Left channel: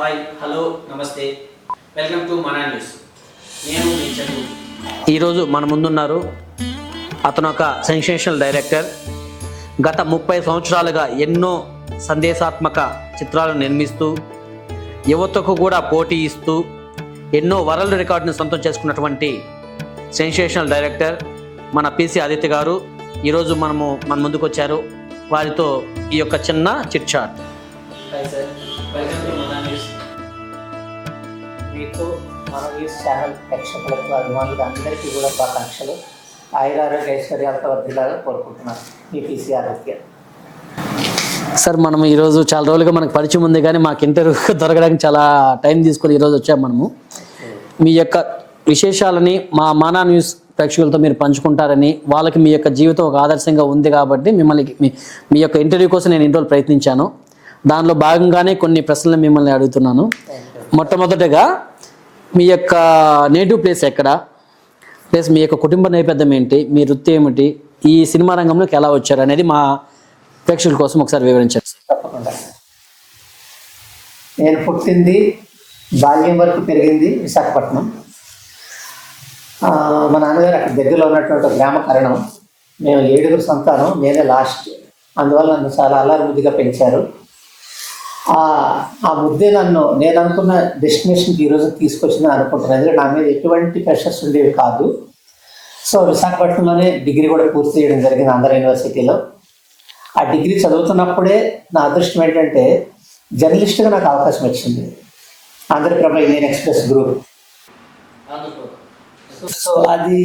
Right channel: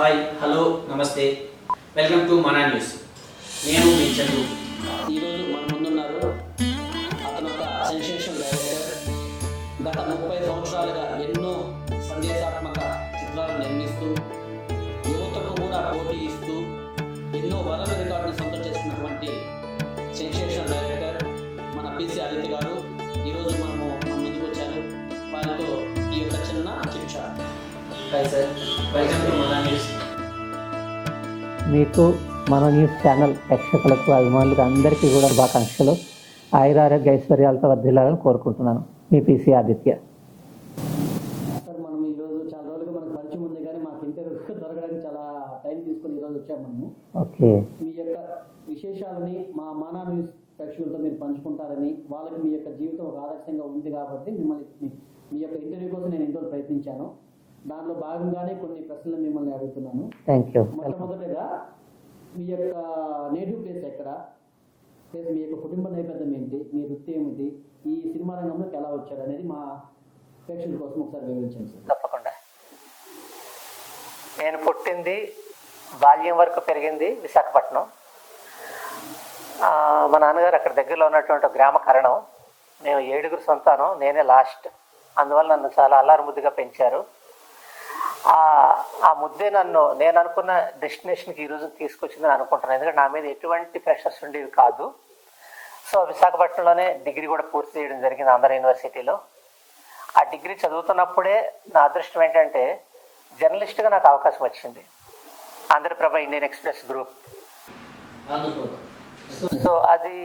Hi, hello, నమస్తే, welcome to Mana news. నేను మీ చంద్రు. ఈరోజు మన ముందున్నారు అతను ఒక సెన్సేషనల్ డైరెక్టర్. గత 30 సంవత్సరాలుగా ఎన్నో సందేశాత్మక చిత్రాలను నిర్మిస్తూ యువతకు కూడా పోటీ ఇస్తూ ఎన్నో వరల్డ్ రికార్డుని సొంతం చేసుకున్నటువంటి సెన్సేషనల్ డైరెక్టర్ మన పిసి ఆదిత్య గారు ఈరోజు మన ముందుకు వచ్చారు. వారితో ఈ యొక్క చిన్న chit chat. Hi sir, welcome to Mana news. మీకు మన న్యూస్ ఛానల్ ప్రేక్షకులకు అభిమానులకు అందరికీ కూడా శుభాకాంక్షలు. ఆయురారోగ్య ఐశ్వర్యాలతో వర్ధిల్లాలని కోరుకుంటున్నాను. మీ పిసి ఆదిత్య. సార్, మనం ఈరోజు చాలా రోజులుగా మనకు పరిచయం ఉంది, కానీ మాకు ఇంటర్వ్యూ దొరకడానికి చాలా టైం తీసుకొని ఈరోజు వచ్చాము మనము. మీ యొక్క విశేషాలని మా మనా న్యూస్ ప్రేక్షకులతో మీరు పంచుకుంటారని, వాళ్ళకి మీ యొక్క జీవితం ఒక ఆదర్శంగా ఉంది కాబట్టి మిమ్మల్ని మీ యొక్క ఇంటర్వ్యూ కోసం నేను ఇన్ని రోజులు ప్రయత్నించాను. దానిలో భాగంగానే కొన్ని ప్రశ్నలు మిమ్మల్ని అడుగుతున్నాను. మొట్టమొదటిగా మీ యొక్క నేటివ్ ప్లేస్ ఎక్కడ, ప్లస్ మీ యొక్క కుటుంబ నేపథ్యం ఏంటి, మీ వృత్తి ఏమిటి, ఈ సినిమా రంగంలోకి ఎలా వచ్చారు అనేది మా ప్రేక్షకుల కోసం ఒకసారి వివరించండి. తప్పకుండా. నేను పుట్టింది, బాల్యం వరకు పెరిగింది విశాఖపట్నం. మా నాన్నగారు అక్కడ దగ్గరలో ఉన్నటువంటి గ్రామ కారణం. మేము 7 సంతానం, నేనే లాస్ట్. అందువల్ల నన్ను చాలా అల్లారు ముద్దుగా పెంచారు. ఆ ముద్దే నేను అనుకున్న డెస్టినేషన్కి ఈరోజు తీసుకొచ్చిందని అనుకుంటున్నాను. ఎందుకంటే నా మీద ఎటువంటి ప్రెషర్స్ ఉండేవి కాదు. సో విశాఖపట్నంలోనే డిగ్రీ కూడా పూర్తి చేయడం జరిగింది, ఆంధ్ర యూనివర్సిటీలో. ఆ డిగ్రీ చదువుతున్నప్పుడే నా అదృష్టం ఏంటంటే జర్నలిస్ట్గా నాకు అవకాశం వచ్చింది. Andhra Prabha Indian Express group. So అది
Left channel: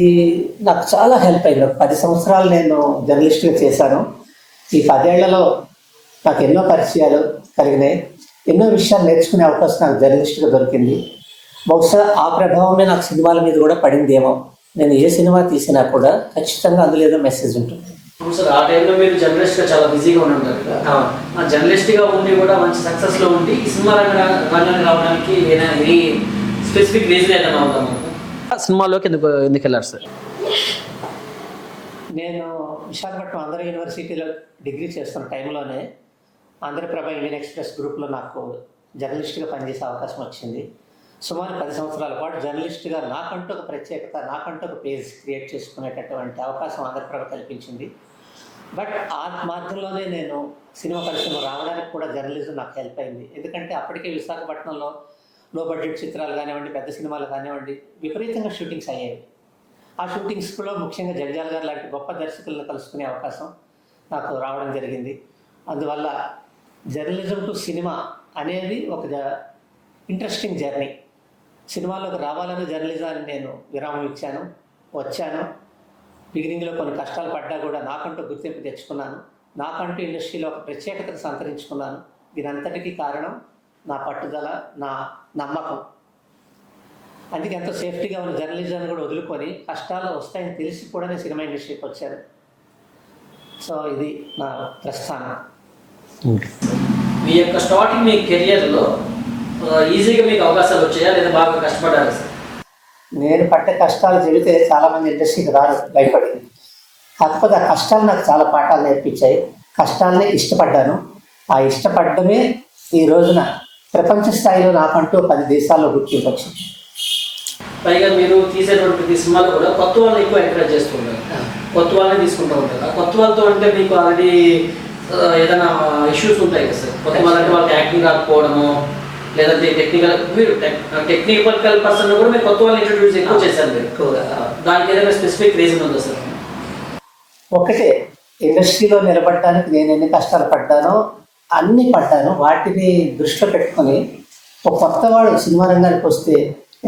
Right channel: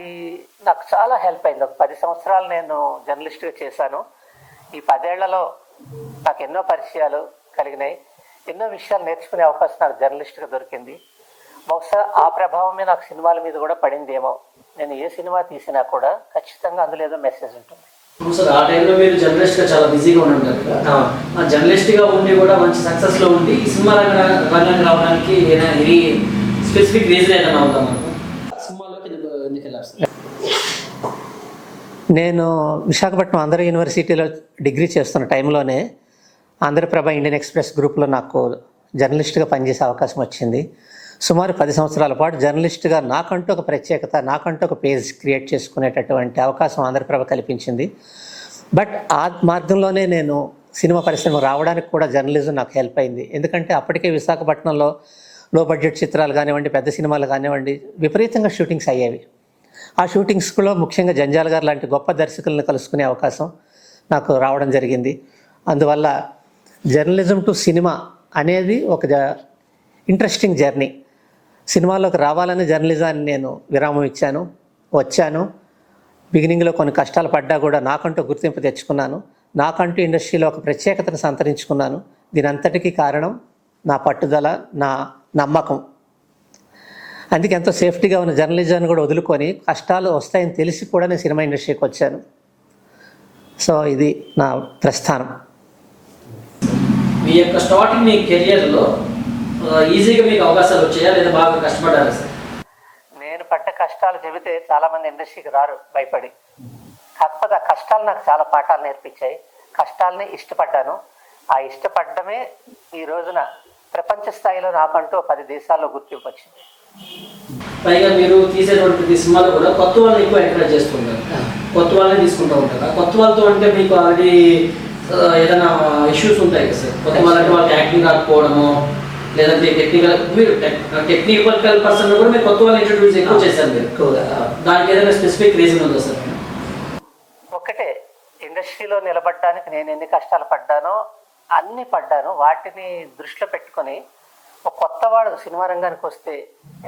నాకు చాలా హెల్ప్ అయింది. 10 సంవత్సరాలు నేను జర్నలిస్ట్గా చేశాను. ఈ 10 ఏళ్లలో నాకు ఎన్నో పరిచయాలు కలిగినాయి, ఎన్నో విషయాలు నేర్చుకునే అవకాశం నాకు జర్నలిస్ట్గా దొరికింది. బహుశా ఆ ప్రభావమే నాకు సినిమాల మీద కూడా పడిందేమో. నేను ఏ సినిమా తీసినా కూడా ఖచ్చితంగా అందులో ఏదో మెసేజ్ ఉంటుంది. సార్, ఆ టైంలో మీరు జర్నలిస్ట్గా చాలా బిజీగా ఉంటారు కదా. ఆ జర్నలిస్ట్గా ఉండి కూడా మంచి సక్సెస్లో ఉండి ఈ సినిమా రంగానికి రావడానికి ఎనీ స్పెసిఫిక్ రీజన్ ఏదైనా అవుతాం సినిమాలోకి ఎందుకు వెళ్ళారు సార్? నేను విశాఖపట్నం ఆంధ్ర యూనివర్సిటీలో డిగ్రీ చేస్తున్న టైంలోనే ఆంధ్రప్రభ ఇండియన్ ఎక్స్ప్రెస్ గ్రూప్లో నాకు జర్నలిస్ట్గా పనిచేసే అవకాశం వచ్చింది. సుమారు 10 సంవత్సరాల పాటు జర్నలిస్ట్గా నాకంటూ ఒక ప్రత్యేకత, నాకంటూ ఒక పేజ్ క్రియేట్ చేసుకునేటటువంటి అవకాశం ఆంధ్రప్రభ కల్పించింది. బట్ ఆ మార్గంలోనే నేను సినిమా పరిశ్రమ రావడానికి కూడా జర్నలిజం నాకు హెల్ప్ అయింది. ఎందుకంటే అప్పటికే విశాఖపట్నంలో లో బడ్జెట్ చిత్రాలు కానివ్వండి, పెద్ద సినిమాలు కానివ్వండి, విపరీతంగా షూటింగ్స్ అయ్యేవి. ఆ షూటింగ్స్లో ముఖ్యంగా జంజాల్ గారు లాంటి గొప్ప దర్శకులను కలుసుకునే అవకాశం నాకు రావడం జరిగింది. అందువల్ల జర్నలిజం టు సినిమా అనేది ఒక ఇంట్రెస్టింగ్ జర్నీ. సినిమాలోకి రావాలని జర్నలిజాన్ని నేను విరామం ఇచ్చాను, వచ్చాను. బిగినింగ్లో కొన్ని కష్టాలు పడ్డా కూడా నాకంటూ గుర్తింపు తెచ్చుకున్నాను. నాకంటూ ఇండస్ట్రీలో ఒక ప్రత్యేకతను సంతరించుకున్నాను. దీని అంతటికీ కారణం నా పట్టుదల, నా నమ్మకం. అందుకే ఎంతో సేఫ్టీగా ఉన్న జర్నలిజాన్ని కూడా వదులుకొని కష్టాలు వస్తాయని తెలిసి కూడా నేను సినిమా ఇండస్ట్రీకి వచ్చాను. సో ఇది నా ప్రస్థానం. మీ యొక్క స్టార్టింగ్ మీ కెరియర్లో ఈజీగా మీకు అవకాశాలు వచ్చాయా లేదా బాగా కష్టపడ్డారా సార్? నేను పడ్డ కష్టాలు చెబితే చాలామంది ఇండస్ట్రీకి రారు, భయపడి. కాకపోతే ఆ కష్టాలు నాకు చాలా పాఠాలు నేర్పించాయి. కష్టాలని ఇష్టపడ్డాను. ఆ ఇష్టపడమే ఈ రోజున ప్రపంచ స్థాయిలో నాకంటూ 10 దేశాల్లో గుర్తింపు వచ్చింది. పైగా మీరు తీసేటువంటి ప్రతి సినిమాలు కూడా కొత్త వాళ్ళని ఎక్కువ ఎంకరేజ్ చేస్తుంటారు, కొత్త వాళ్ళని తీసుకుంటూ ఉంటారు. కొత్త వాళ్ళతో అంటే మీకు ఆల్రెడీ ఏదైనా ఇష్యూస్ ఉంటాయి కదా సార్? కొత్త వాళ్ళంటే వాళ్ళకి యాక్టింగ్ రాకపోవడము, లేదంటే టెక్నికల్ పర్సన్ కూడా మీరు కొత్త వాళ్ళని ఇంట్రడ్యూస్ ఎక్కువ చేశారు మీరు. దానికి ఏదైనా స్పెసిఫిక్ రీజన్ ఉందా సార్? ఒకటే, ఇండస్ట్రీలో నిలబడటానికి నేను ఎన్ని కష్టాలు పడ్డానో అన్నీ పడ్డాను. వాటిని దృష్టిలో పెట్టుకొని ఒక కొత్తవాడు సినిమా రంగానికి వస్తే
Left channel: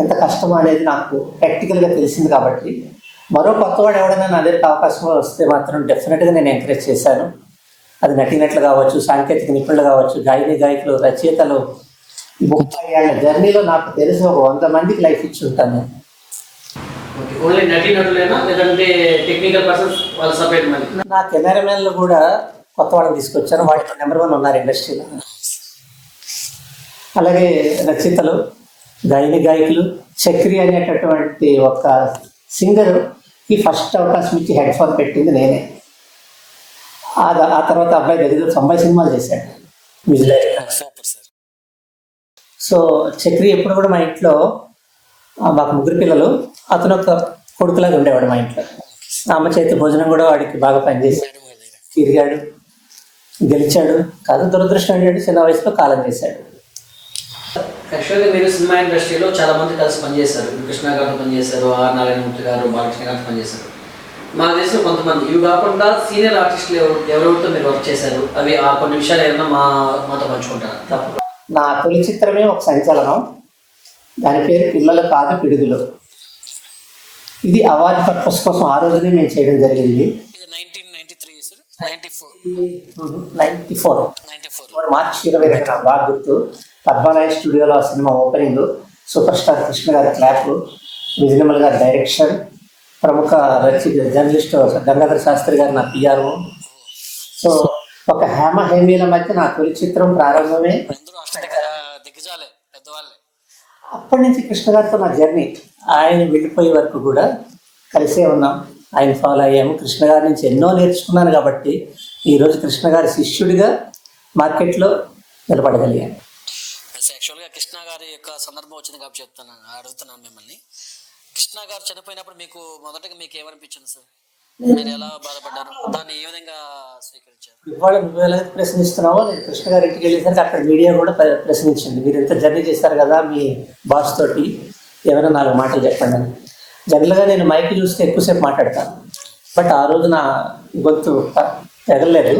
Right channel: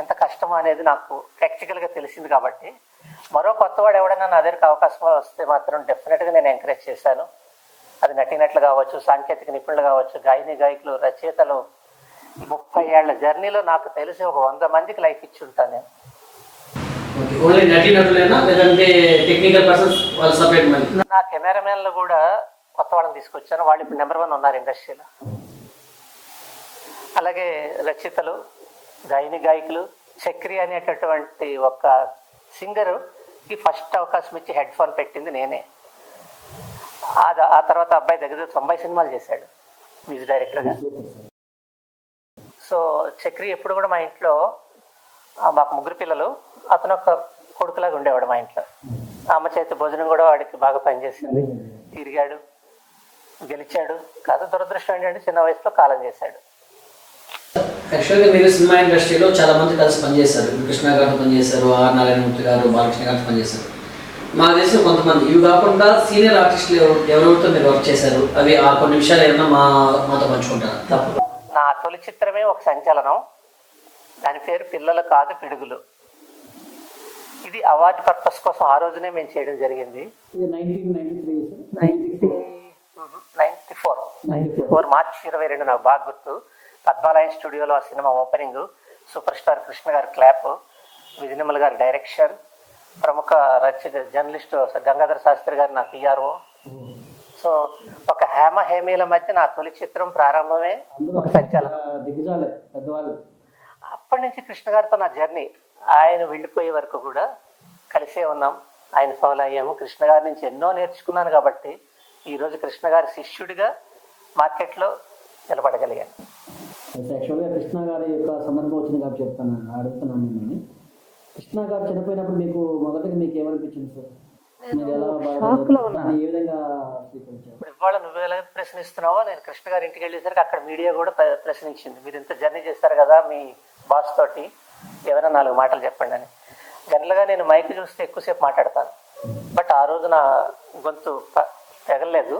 ఎంత కష్టమో అనేది నాకు ప్రాక్టికల్గా తెలిసింది. కాబట్టి మరో కొత్తవాడు ఎవడైనా నా దగ్గరికి అవకాశం వస్తే మాత్రం డెఫినెట్గా నేను ఎంకరేజ్ చేశాను. అది నటినట్లు కావచ్చు, సాంకేతిక నిపుణులు కావచ్చు, గాయకులు, రచయితలు. 30 ఏళ్ల జర్నీలో నాకు తెలిసి ఒక 100 మందికి లైఫ్ ఇచ్చి ఉంటాను. ఓన్లీ నటినటులేనా లేదంటే టెక్నికల్ పర్సన్స్ వాళ్ళు సపరేట్? నా కెమెరామెన్లు కూడా కొత్త వాళ్ళని తీసుకొచ్చాను. వాటికి నెంబర్ 1 ఉన్నారు ఇండస్ట్రీలో. అలాగే రచయితలు, గాయకులు. చక్రి అనేటటువంటి ఒక సింగర్కి ఫస్ట్ అవకాశం ఇచ్చి హెడ్ ఫోన్ పెట్టింది నేనే. ఆ తర్వాత అబ్బాయి దగ్గర 90 సినిమాలు చేశాడు మ్యూజిక్ డైరెక్టర్. సో చక్రి ఎప్పుడు కూడా మా ఇంట్లో మాకు ముగ్గురు పిల్లలు, అతను ఒక కొడుకులాగా ఉండేవాడు మా ఇంట్లో. అమ్మ చేతి భోజనం కూడా వాడికి బాగా పనిచేశాడు, తిరిగాడు, గెలిచాడు. కాదు దురదృష్టం ఏంటంటే చిన్న వయసులో కాలం చేశాడు. యాక్చువల్గా మీరు సినిమా ఇండస్ట్రీలో చాలా మంది కలిసి పనిచేశారు. కృష్ణ గారితో పనిచేశారు, ఆర్ నారాయణమూర్తి గారు, బాలకృష్ణ గారితో పనిచేశారు. మాకు తెలిసిన కొంతమంది, ఇవి కాకుండా సీనియర్ ఆర్టిస్టులు ఎవరెవరితో మీరు వర్క్ చేశారు, అవి ఆ కొన్ని విషయాలు ఏమన్నా మాతో పంచుకుంటారా? తప్పదు. నా తొలి చిత్రమే ఒక సంచలనం. దాని పేరు పిల్లలు కాదు పిడుగులు. ఇది అవార్డు పర్పస్ కోసం ఆ రోజునే మేము చేయడం జరిగింది. 94 మార్చి 22 నాకు బాగా గుర్తు. పద్మాలయ స్టూడియోలో ఆ cinema opening. Super star Krishna గారి క్లాప్, విజయనిర్మల గారి డైరెక్షన్, ప్రముఖ జర్నలిస్ట్ గంగాధర శాస్త్రి గారు నా పిఆర్ఓ. సో ఒక హేమీల మధ్య నా తొలి చిత్రం ప్రారంభమే. అప్పటి నుంచి కృష్ణ గారితో నా జర్నీ, ఆయన వెళ్ళిపోయే వరకు కూడా కలిసే ఉన్నాం, ఆయన ఫాలో అయ్యాము. కృష్ణ గారి నుంచి ఎన్నో నేర్చుకున్నాను కాబట్టి ఈరోజు కృష్ణ గారి శిష్యుడిగా మార్కెట్లో నిలబడగలిగాను. యాక్చువల్గా కృష్ణ గారి యొక్క సందర్భం వచ్చింది కాబట్టి అడుగుతున్నాను మిమ్మల్ని. కృష్ణ గారు చనిపోయినప్పుడు మొదటగా మీకు ఏమనిపించింది సార్? మీరు ఎలా బాధపడ్డారు, దాన్ని ఏ విధంగా స్వీకరించారు? ఇప్పుడు ఇవాళ నువ్వు ఎలా ప్రశ్నిస్తున్నావో, నేను కృష్ణ గారి ఇంటికి వెళ్ళేసరికి అక్కడ మీడియా కూడా ప్రశ్నించింది, మీరు ఎంత జర్నీ చేశారు కదా మీ బాస్ తోటి, ఏమైనా 4 మాటలు చెప్పండి అని. జనరల్గా నేను మైక్ చూస్తే ఎక్కువసేపు మాట్లాడతాను, బట్ ఆ రోజు నా గొంతు తెగలేదు.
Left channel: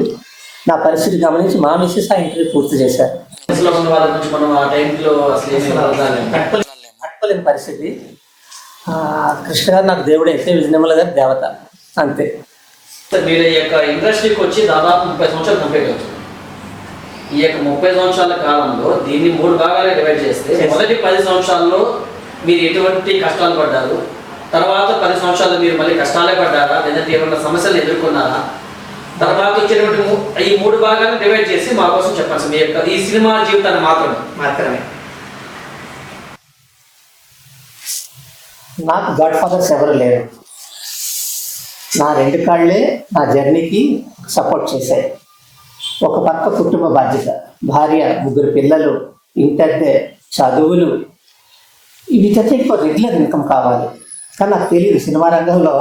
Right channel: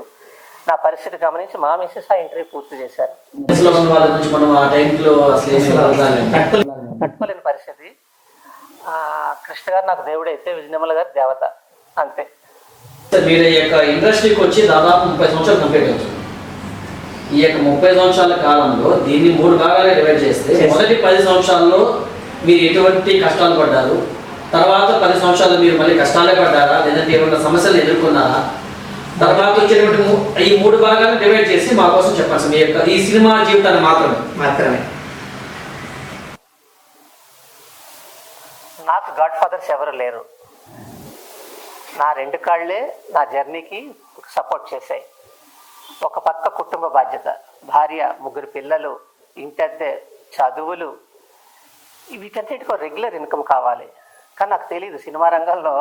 నా పరిస్థితి గమనించి మా మిస్సెస్ ఆ ఇంటర్వ్యూ పూర్తి చేశారు. తట్టుకోలేని పరిస్థితి. కృష్ణ గారు నాకు దేవుడు అయితే, విజయనిర్మల గారు దేవత, అంతే. మీరు ఈ యొక్క ఇండస్ట్రీకి వచ్చి దాదాపు 30 సంవత్సరాలు కంప్లీట్ అవుతుంది. ఈ యొక్క 30 సంవత్సరాల కాలంలో దీన్ని 3 భాగాలుగా డివైడ్ చేస్తే, మొదటి 10 సంవత్సరాల్లో మీరు ఎటువంటి కష్టాలు పడ్డారు, తర్వాత 10 సంవత్సరాలు మీరు మళ్ళీ కష్టాలే పడ్డారా, లేదంటే ఏమైనా సమస్యలు ఎదుర్కొన్నారా, తర్వాత వచ్చేటువంటి ఈ 3 భాగాలను డివైడ్ చేసి మా కోసం చెప్పండి సార్, మీ యొక్క ఈ సినిమా జీవితాన్ని మాత్రమే. నాకు గాడ్ ఫాదర్స్ ఎవరు లేరు. నా 2 కాళ్ళే నా జర్నీకి సపోర్ట్ చేశాయి. ఒక పక్క కుటుంబ బాధ్యత, భార్య, 3 పిల్లలు, ఇంటద్దె, చదువులు, వీటన్నిటికీ రెగ్యులర్ ఇన్కమ్ కావాలి. కానీ నాకు తెలియదు సినిమా రంగంలో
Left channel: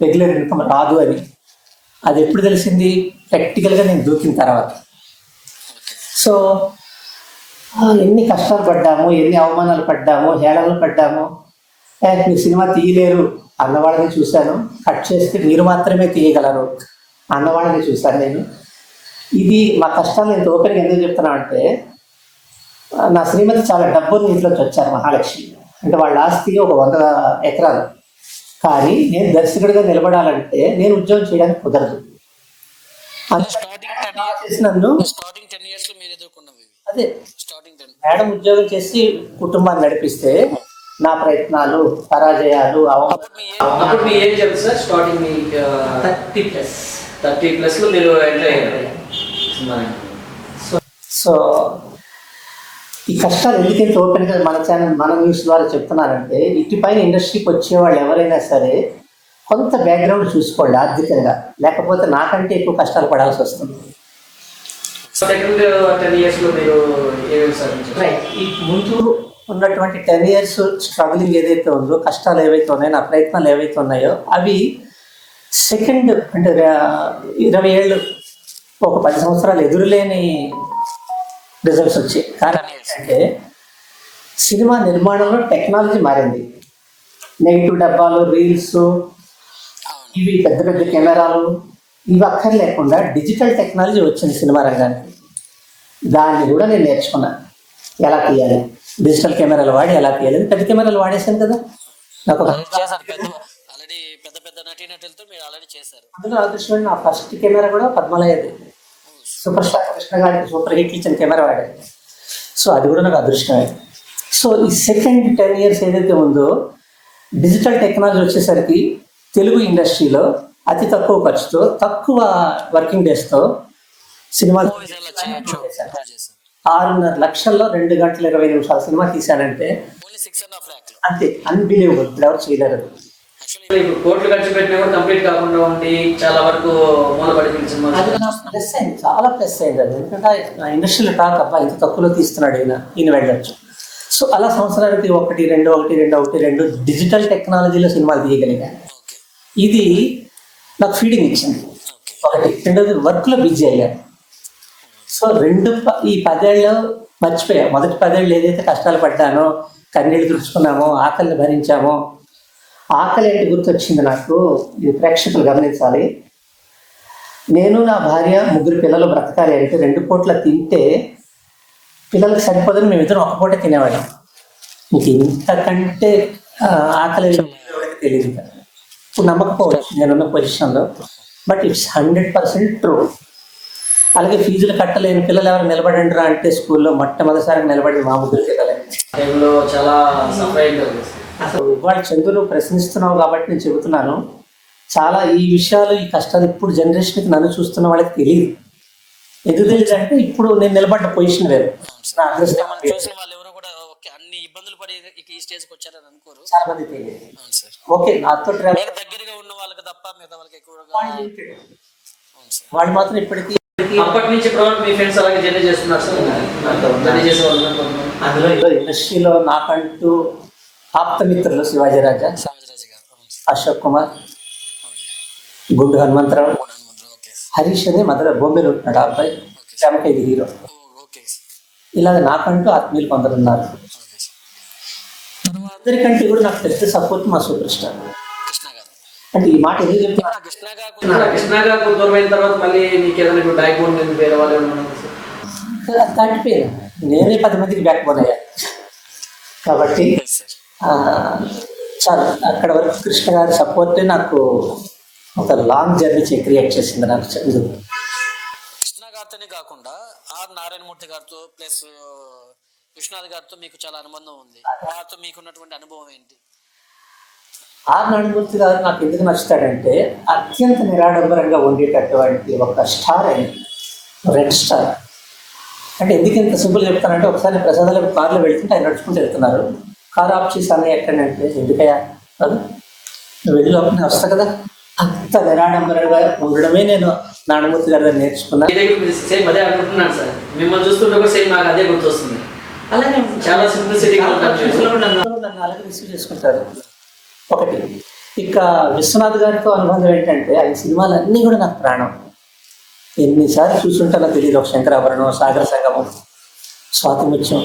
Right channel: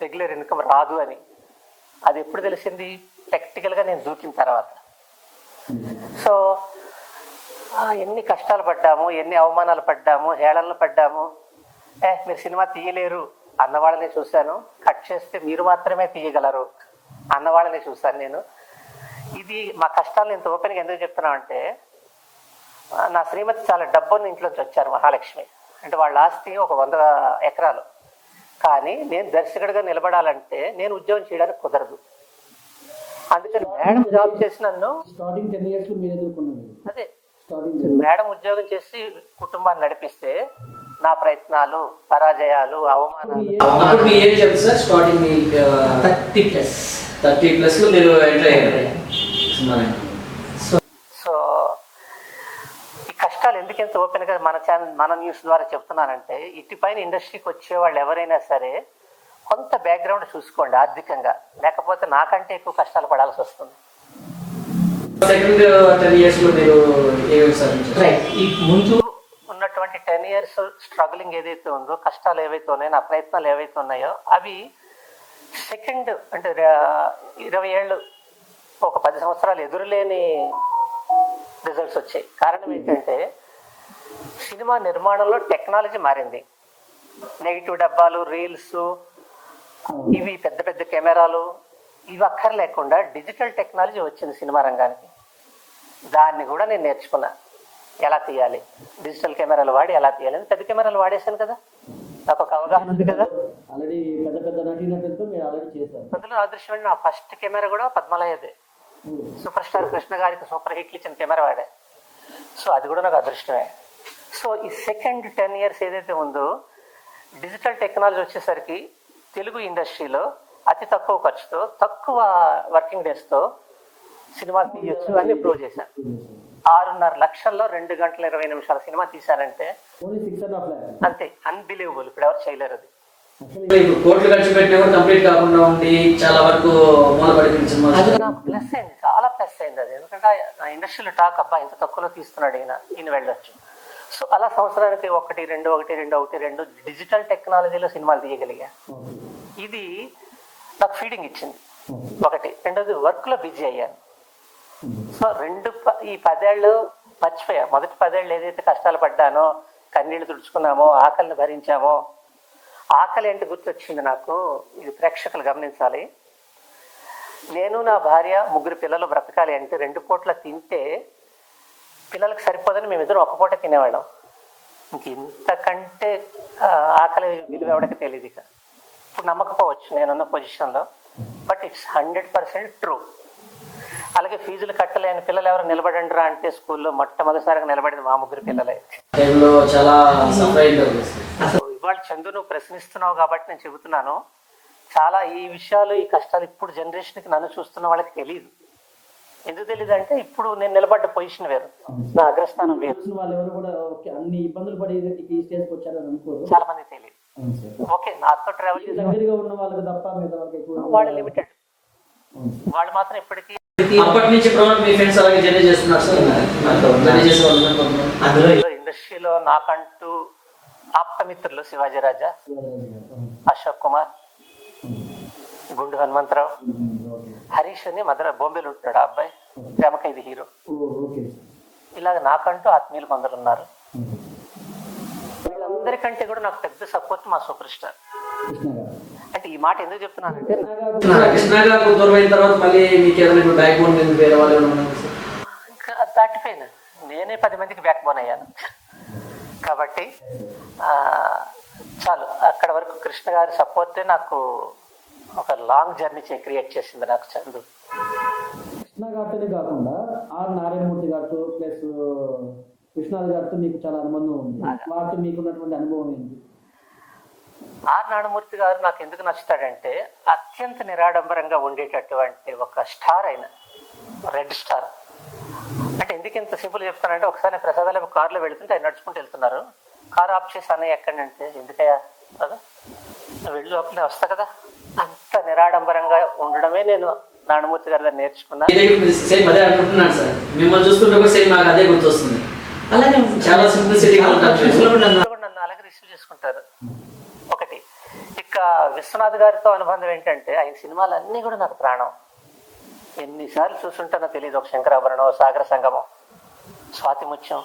రెగ్యులర్ ఇన్కమ్ రాదు అని. అది ఎప్పుడు తెలిసింది? ప్రాక్టికల్గా నేను దూకిన తర్వాత. సో ఎన్ని కష్టాలు పడ్డాము, ఎన్ని అవమానాలు పడ్డాము, హేళనలు పడ్డాము. మీరు సినిమా తీయలేరు అన్నవాళ్ళని చూశాను, కట్ చేస్తే మీరు మాత్రమే తీయగలరు అన్నవాళ్ళని చూశాను నేను. ఇది మా కష్టాలు నేను ఓపెన్గా ఎందుకు చెప్తున్నానంటే, నా శ్రీమతి చాలా డబ్బుని ఇంట్లోకి వచ్చారు, మహాలక్ష్మి. అంటే వాళ్ళ ఆస్తి ఒక 100 ఎకరాలు. కానీ నేను దర్శకుడిగా నిలబడాలంటే నేను ఉద్యోగం చేయడానికి కుదరదు. మేడం జాబ్ చేసి నన్ను స్టార్టింగ్ 10 years మీరు ఎదుర్కొన్నవి అదే. మేడం ఉద్యోగం చేసి కుటుంబాన్ని నడిపిస్తే నా ప్రయత్నాలు, పరాజయాలు, అవమానాలు. మీ ఏం చెప్పండి సార్? స్టార్టింగ్ 30+ లో మీరు ఎంటర్ అయ్యారు. సో ఈ కష్టాలు ఎందుకు ఇంత ఓపెన్గా మన ఛానల్, మన న్యూస్ ద్వారా చెప్తున్నారంటే, ఇటుపైన ఇండస్ట్రీకి వచ్చేవాళ్ళు ఎవరైనా సరే కొంత బ్యాక్గ్రౌండ్ చూసుకోవాలి ఆర్థికంగా, లేకపోతే నాకంటే ఎక్కువ కష్టాలు పడాల్సి వస్తుంది. సెకండ్ 10 years లో మీరు రైట్. ఈ ముందు ఉన్నటువంటి 10 years స్ట్రగులింగ్ ఏదైతే ఉందో, కష్టాలు ఏవైతే ఉన్నాయో, నా ప్రయత్నాలు ఏవైతే ఉన్నాయో, అవి సెకండ్ అంటే 20 ఏళ్ళు, ఒక 10 సంవత్సరాలు ఎదురులేని రిజల్ట్స్ వచ్చాయి. కారణం ఏంటంటే సినిమా నిర్మాణంలో టెక్నాలజీ మారింది. నెగిటివ్ డబ్బాలు, రీల్స్, ఇవి పెద్ద పెద్ద కెమెరాలు, ఇవి అక్కర్లేకుండా డిజిటల్ టెక్నాలజీ వచ్చింది సినిమా రంగానికి. దాన్ని కూడా నేను నేర్చుకున్నాను, ఎలా తీయాలి, డిజిటల్ కెమెరాలు వాడి ఎలా తీయాలి. పెద్ద కెమెరాలు వాడేసాను కదా, నాకు ఆల్రెడీ పెద్ద పెద్ద నటీనటులతో మీరు ఆల్రెడీ చేశారు. అందులో అదృష్టం, నా ఫస్ట్ కెమెరా కూడా పద్మాలయది. సూపర్ స్టార్ కృష్ణ గారికి సూపర్ హిట్ ఇచ్చిన కెమెరా వాడాను. సో అది కూడా నాకు అదృష్టమే. సో ఈ సెకండ్ 10 years ఏదైతే ఉందో, డిజిటల్ టెక్నాలజీ వచ్చేసరికి తెలుగు ఇండస్ట్రీలో అతి తక్కువ ఖర్చుతో, తక్కువ వర్కింగ్ డేస్తో సినిమాలు 6.5 లక్షల్లో 2 గంటల 20 నిమిషాల సినిమా తీశానంటే అంతే, అన్బిలీవబుల్. ఇప్పుడు ఎవరు చేయలేరు. ఇప్పుడు కోట్లు ఖర్చు పెట్టినా కూడా కంప్లీట్ కాకుండా ఉండి చాలా వరకు మూలపడిపోయిన సినిమా. అది నాకు ప్లస్ అయింది, చాలా ప్లస్ అయింది అది. ఎందుకంటే నా ఇండస్ట్రీలో టాక్, అబ్బా ఇంత తక్కువలో తీస్తున్నాడు ఈయన వెళ్ళచ్చు. సో అలా సంవత్సరానికి ఒకటి రెండు డిజిటల్ టెక్నాలజీలో సినిమాలు తీయగలిగాను. ఓకే ఇది నాకు ఫీడింగ్ ఇచ్చింది. ఓకే ఒకటి. రెండోది వర్క్లో బిజీ అయ్యాను. సో ఈ 10 ఏళ్ళు మర్చిపోయా. మొదటి 10 ఏళ్ళు ఏదైతే కష్టాలు పడ్డానో, కన్నీళ్ళు తుడుచుకున్నామో, ఆకలిని భరించామో, ఆకలి అంటే గుర్తొచ్చింది నాకు. ఇది ప్రేక్షకులు గమనించాలి. నేను నా భార్య 3 పిల్లలు బ్రతకాలి అంటే 2 పూట్ల తింటే పిల్లలకు సరిపోదని మేమిద్దరం ఒక పూట తినేవాళ్ళం. మీకు ఇంతకంటే ఆకలి ఎవరికి తెలియదు. ఇప్పుడు నమ్మకపోవచ్చు నేనున్న పొజిషన్లో, బట్ ఇట్స్ 100% ట్రూ. అలాగే ఫీజులు కట్టలేని పిల్లలు ఎవరు నిలబడండి రా అంటే స్కూల్లో మొట్టమొదటిసారి నిలబడి మా 3 పిల్లలే. టైంలో చాలా సఫర్ అయింది. అసలు ఇవాళ చందు నువ్వు ప్రశ్నిస్తున్నావు కాబట్టి నేను చెబుతున్నాను. చాలా ఈ విషయాలు, ఈ కష్టాలు ఇప్పుడు జనరేషన్కి నన్ను చూస్తున్న వాళ్ళకి తెలియదు. ఎందుకు తెలియదు అంటే ఇప్పుడు నేను నిలబడ్డ పొజిషన్ వేరు. నా అదృష్టం చూసిన వాళ్ళు ఎవరు కూడా ఓకే అన్ని ఇబ్బందులు పడి ఈ స్టేజ్కి వచ్చారని అనుకోరు. చాలా మంది తెలియదు. అవును సార్. ఓకే నాతో ట్రావెల్ దగ్గరగా ఉన్న వాళ్ళకి తప్ప మిగతా వాళ్ళకి ఎక్కువ వాళ్ళు లిమిటెడ్. వాళ్ళు మాత్రం ఇప్పటికీ అప్పటి నుంచి ఇప్పుడు మీ ఫ్రెండ్స్ అలాగే జర్నీ చేస్తున్నారు సార్. జర్నీ చేసే వాళ్ళు అందులో ఇండస్ట్రీలో నాకంటూ ఆప్తమిత్రులు శివాజీ రాజా, సమాజరాజు గారు, అశోక్ కుమార్, గుండు హనుమంతరావు, హరీష్ అని మధుర బొంబేలో ఉంటున్నాడు. ఆ అబ్బాయి ప్రముఖ ఇది హీరో. ఇలా నాకంటూ ఆత్మీయులు కొందరు ఉన్నారు. అందరికంటే కూడా నాకు పెద్ద సపోర్ట్ మా సూపర్ స్టార్ కృష్ణ గారు. అంటే ఈ మాట ఎందుకు చెప్తున్నా, కృష్ణ గారు దూరం అయిన తర్వాత మళ్ళీ మీకు ఏదైనా బ్యాక్ బోన్ వేరే వాళ్ళు దాటిపోయాను. నేనే 10 మందికి బ్యాక్ బోన్ అయ్యాను కాబట్టి చాలా అక్కడ వరకు కృష్ణ గారి సపోర్టే నాకు ఒక లాంగ్ జర్నీ క్రియేట్ చేసింది నాకు చదువు. కృష్ణ గారితోనే కాకుండా ఆర్ నారాయణమూర్తి గారితో ప్లస్ విశ్వనాథ్ గారితో మీకు చాలా అనుబంధం ఉంది. వారితో మీకున్నటువంటి అనుభవం ఏంటి? ఆర్ నారాయణమూర్తి గారు నాకు ఎందుకు నచ్చుతాడంటే అత్యంత నిరాడంబరంగా ఉండేటటువంటి ఒక స్టార్ ఆయన, రెడ్ స్టార్. అంటే ఎందుకు ఇంత సింపుల్ చెప్తానంటే ఒకసారి ప్రసాదాలకు కారులో వెళ్తుంటే ఆయన నడుచుకుంటూ వెళ్తున్నారు. కారు ఆఫ్ చేసి అన్నయ్య ఎక్కడంటే ఎందుకయ్యా వెళ్ళి లోపల వస్తా కదా. అంత నిరాడంబరంగా ఉండడమే నేను నారాయణమూర్తి గారి దగ్గర నేర్చుకున్నాను. సేమ్ అదే అనుకుంటున్నాను సార్. మిమ్మల్ని చూస్తుంటే కూడా సేమ్ నాకు అదే గుర్తొస్తుంది. అలాగే చాలా సింప్లిసిటీగా నన్ను అలాగే రిసీవ్ చేసుకుంటారు. ఒకటి. ఇక విశ్వనాథ్ గారితో అనుబంధం ఏంటంటే ఆయన సినిమాలన్నీ కూడా నాకు ప్రాణం. ఎన్నిసార్లు చూసుంటానో తెలియదు. ఒక శంకరాభరణం, సాగర సంగమం, స్వాతి ముత్యం,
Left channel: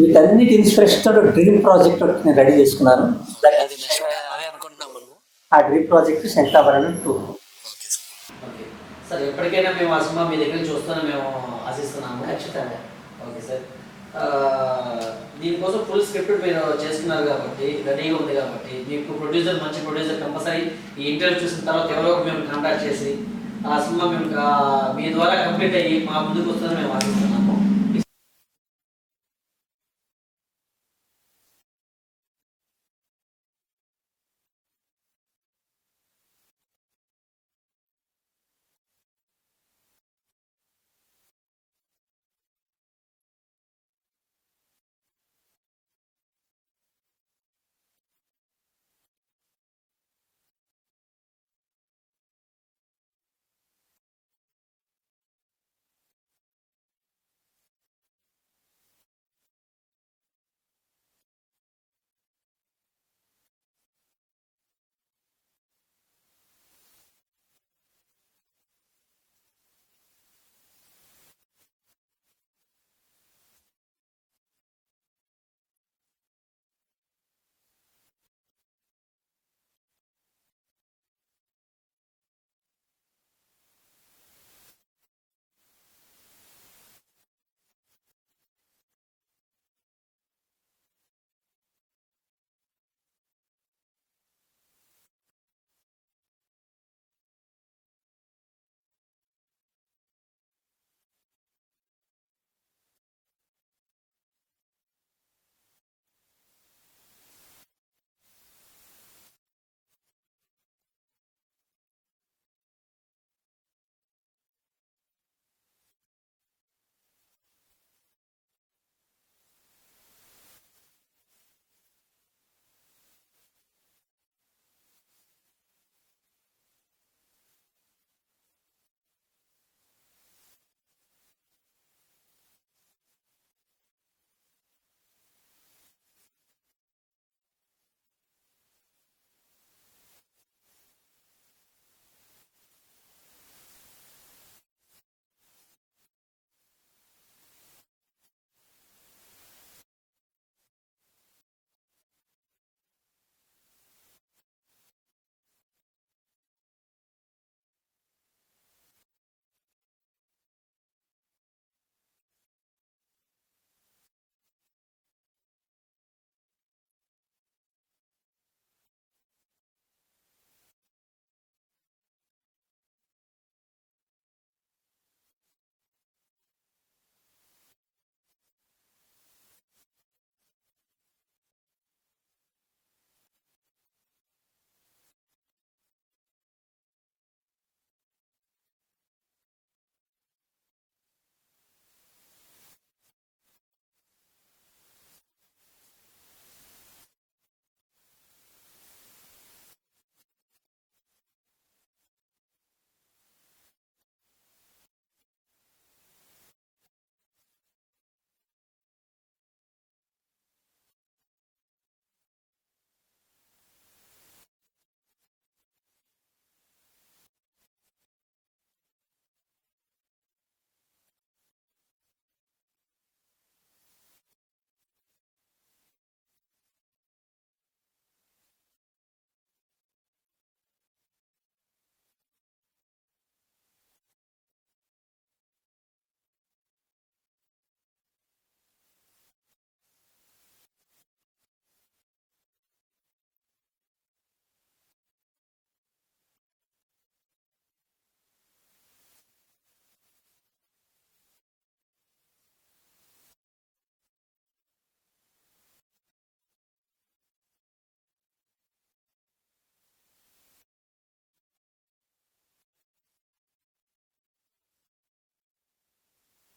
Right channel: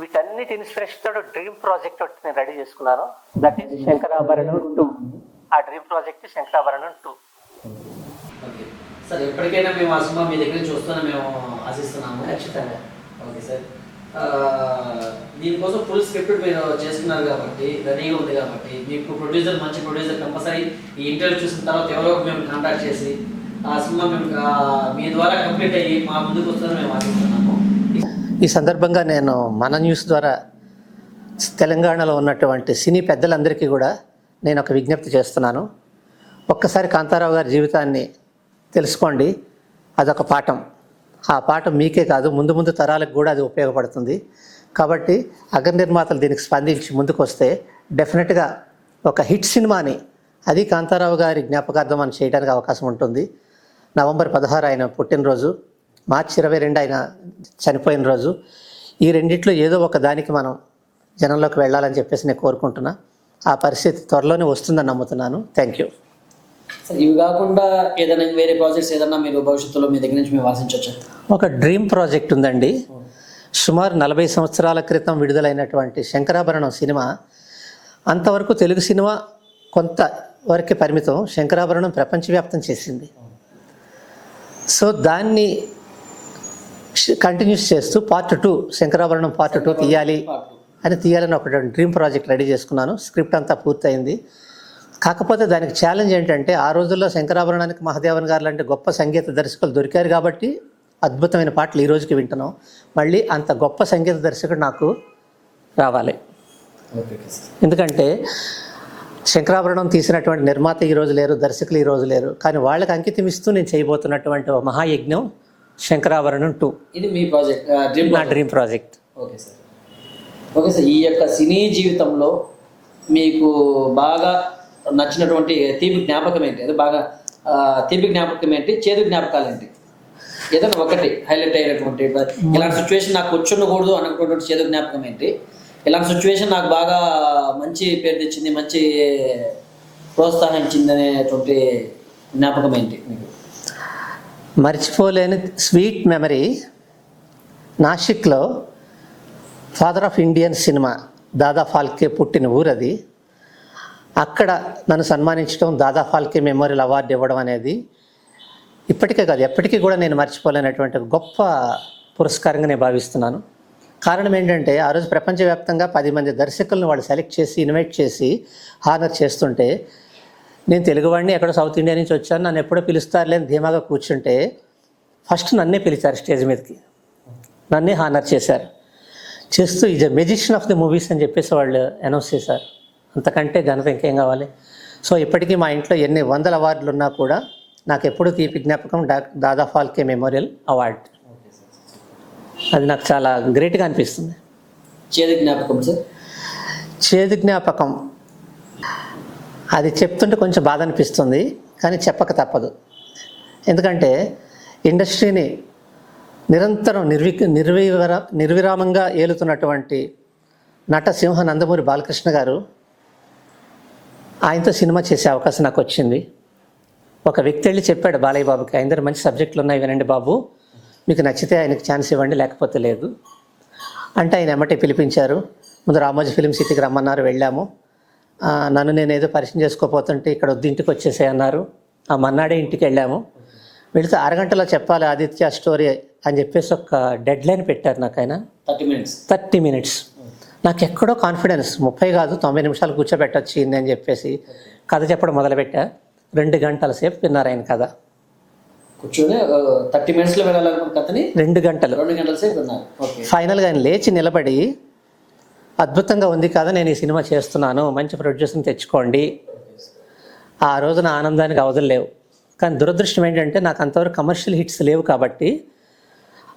వీటన్నిటి ఇన్స్పిరేషన్తో డ్రీమ్ ప్రాజెక్ట్ ఒకటి నేను రెడీ చేసుకున్నాను. That is Sankarabharanam 2. ఆ డ్రీమ్ ప్రాజెక్ట్ శంకరాభరణం 2. సార్ ఎప్పటికైనా మేము ఆ సినిమా మీ దగ్గర చూస్తాను మేము ఆశిస్తున్నాము. ఖచ్చితంగా. Okay sir. దీనికోసం ఫుల్ స్క్రిప్ట్ మీరు చేసుకున్నారు కాబట్టి రెడీగా ఉంది కాబట్టి మీకు ప్రొడ్యూసర్ మంచి ప్రొడ్యూసర్ కంపల్సరీ ఈ ఇంటర్వ్యూ చూసిన తర్వాత ఎవరో మేము కాంటాక్ట్ చేసి ఆ సినిమా మేము మీ ద్వారా కంప్లీట్ అయ్యి మా ముందుకు వస్తుందని మేము ఆశిస్తున్నాము. ఈ సందర్భంగా నేను మన న్యూస్ ద్వారా తెలంగాణలో ఉన్నటువంటి సినీ పెద్దలందరికీ కూడా నేను ఒక విజ్ఞప్తి చేస్తున్నాను. ఒక్కసారి కాంతారావు గారి జీవితాన్ని తెలుసుకోండి. అదొక పాఠం. ఆ పాఠం మీకే కాదు ముందు ముందు తరాలకు కూడా అది ఉపయోగపడుతుంది. కాబట్టి అగ్ర నిర్మాతలు దీనికి స్పందించి ముందుకు వస్తే డెఫినెట్గా ఒక హిట్ సినిమాని, అది కాంతారావు గారి జ్ఞాపకార్థం అని చేయడానికి అవకాశం ఉంటుంది. నవంబర్ 16 ఆయన పుట్టినరోజు, మార్చి 22 ఆయన చనిపోయిన రోజు. ఈ రెండిట్లో ఏదో ఒక దానికి మనం జనంలోకి వెళ్ళాలని చెప్పేసి నేను కోరుకుంటున్నా. ఆ పరిస్థితి త్వరలోనే వస్తుందని నమ్ముతున్నాను. Thank you. ఇవి కాకుండా ఏదైనా వేరే ప్రాజెక్ట్స్ ఏదైనా మీరు భవిష్యత్తులో మీ దగ్గర నుంచి మేము ఆశించవచ్చు? ఒక డ్రీమ్ ప్రాజెక్ట్ ఉందండి. సుమారు 40 సంవత్సరాల క్రితం విడుదలైనటువంటి శంకరాభరణం సినిమా. అంతవరకు తెలుగు సినిమా కొంతవరకే పరిమితం. శంకరాభరణం ప్రపంచవ్యాప్తం చేసింది. సో దాన్ని కంటిన్యూస్ చేస్తూ పార్ట్ 2, శంకరాభరణం పార్ట్ 2 తీయాలని ఒక డ్రీమ్ ప్రాజెక్ట్ రెడీ చేసుకున్నాను. స్క్రిప్ట్ అంతా పూర్తయింది. కాకపోతే దానికి ఛాలెంజ్ ఏంటంటే ఆ రోజుల్లో శంకరాభరణానికి మహాదేవన్ గారు లాంటి గొప్ప సంగీత దర్శకులు దొరికారు కాబట్టి అద్భుతమైన పాటలు ఈ రోజుకి వింటున్నాం. మళ్ళీ అంత గొప్ప సంగీత దర్శకుడు నాకు రావాలి. ఎందుకంటే శంకరాభరణం తీసినటువంటి నిర్మాత ఈరోజు లేరు, దర్శకులు ఈరోజు లేరు. కానీ వాళ్ళకి అంకితం ఇస్తూ నేను చేయబోతున్నటువంటి మహాయజ్ఞం శంకరాభరణం 2. ఇది మీ ప్రాజెక్ట్? నా dream project. Okay sir. Okay sir. ఈ యొక్క సినీ జీవితంలో మీకు బాగా నచ్చినటువంటి తీపి జ్ఞాపకం ఏంటి? అది బాగా తీపి జ్ఞాపకం ఏంటి, చేదు జ్ఞాపకాలు ఏంటి? ఏదైనా ఒకటి హైలైట్ అయినటువంటి ఇలాంటి సిచ్యువేషన్ నాకు వచ్చుండకూడదు అనుకున్నటువంటి చేదు జ్ఞాపకం ఏంటి? ఇలాంటి సిచ్యువేషన్ నాకు బాగా మంచి పేరు తెచ్చింది, మంచి ప్రోత్సాహం ఇచ్చింది అనేటువంటి జ్ఞాపకం ఏంటి మీకు? మర్చిపోలేని స్వీట్ మెమరీ, నాసిక్లో father of Indian cinema Dada Phalke పుట్టిన ఊరది. అక్కడ నన్ను సన్మానించడం, దాదా ఫాల్కే మెమోరియల్ అవార్డు ఇవ్వడం అనేది ఇప్పటికే కాదు ఎప్పటికీ కూడా నేను మర్చిపోలేనటువంటి గొప్ప పురస్కారంగా నేను భావిస్తున్నాను. కారణం ఏంటంటే ఆ రోజు ప్రపంచవ్యాప్తంగా 10 మంది దర్శకులను వాళ్ళు సెలెక్ట్ చేసి ఇన్వైట్ చేసి హానర్ చేస్తుంటే, నేను తెలుగువాడిని, ఎక్కడో సౌత్ ఇండియా నుంచి వచ్చాను, నన్ను ఎప్పుడో పిలుస్తారులే అని ధీమాగా కూర్చుంటే ఫస్ట్ నన్నే పిలిచారు స్టేజ్ మీదకి, నన్నే హానర్ చేశారు. చేస్తూ is a magician of the movies అని చెప్పేసి వాళ్ళు అనౌన్స్ చేశారు. అంతకంటే ఘనత ఇంకేం కావాలి? సో ఇప్పటికీ మా ఇంట్లో ఎన్ని 100 అవార్డులు ఉన్నా కూడా నాకు ఎప్పుడు తీపి జ్ఞాపకం దాదా ఫాల్కే మెమోరియల్ అవార్డు. అది నాకు చాలా గ్రేట్గా అనిపిస్తుంది. చేదు జ్ఞాపకం సార్? చేదు జ్ఞాపకం అది చెప్తుంటే కొంచెం బాధ అనిపిస్తుంది, కానీ చెప్పక తప్పదు. ఎందుకంటే ఇండస్ట్రీని నిరంతరం నిర్విరామంగా ఏలుతున్నటువంటి నటసింహ నందమూరి బాలకృష్ణ గారు, ఆయనతో సినిమా చేసే అవకాశం నాకు వచ్చింది. ఒక వ్యక్తి వెళ్ళి చెప్పాడు బాలయ్య బాబుకి, ఆయన మంచి సబ్జెక్టులు ఉన్నాయి వినండి బాబు, మీకు నచ్చితే ఆయనకి ఛాన్స్ ఇవ్వండి, లేకపోతే లేదు అంటే ఆయన ఎమ్మటే పిలిపించారు. ముందు రామోజీ ఫిలిం సిటీకి రమ్మన్నారు, వెళ్ళాము. నన్ను నేను ఏదో పరిచయం చేసుకోపోతుంటే ఇక్కడ వద్దు ఇంటికి వచ్చేసే అన్నారు. ఆ మన్నాడే ఇంటికి వెళ్ళాము. వెళితే 6 గంటలో చెప్పాలి ఆదిత్య స్టోరీ అని చెప్పేసి ఒక డెడ్ లైన్ పెట్టారు నాకు ఆయన. 30 మినిట్స్. నాకు ఎక్కడో కాన్ఫిడెన్స్ 30 కాదు 90 నిమిషాలు కూర్చోబెట్టొచ్చు ఈయన్ని అని చెప్పేసి కథ చెప్పడం మొదలుపెట్టా. 2 గంటల సేపు విన్నారు ఆయన కథ. కూర్చొని 30 మినిట్స్లో వినాలనుకున్న కథని 2 గంటల సేపు విన్నారు. ఫైనల్గా ఆయన లేచి నిలబడి, అద్భుతంగా ఉంది కదా, నేను ఈ సినిమా చేస్తున్నాను, మంచి ప్రొడ్యూసర్ని తెచ్చుకోండి. ఆ రోజున ఆనందానికి అవధులు లేవు. కానీ దురదృష్టం ఏంటంటే నాకు అంతవరకు కమర్షియల్ హిట్స్ లేవు కాబట్టి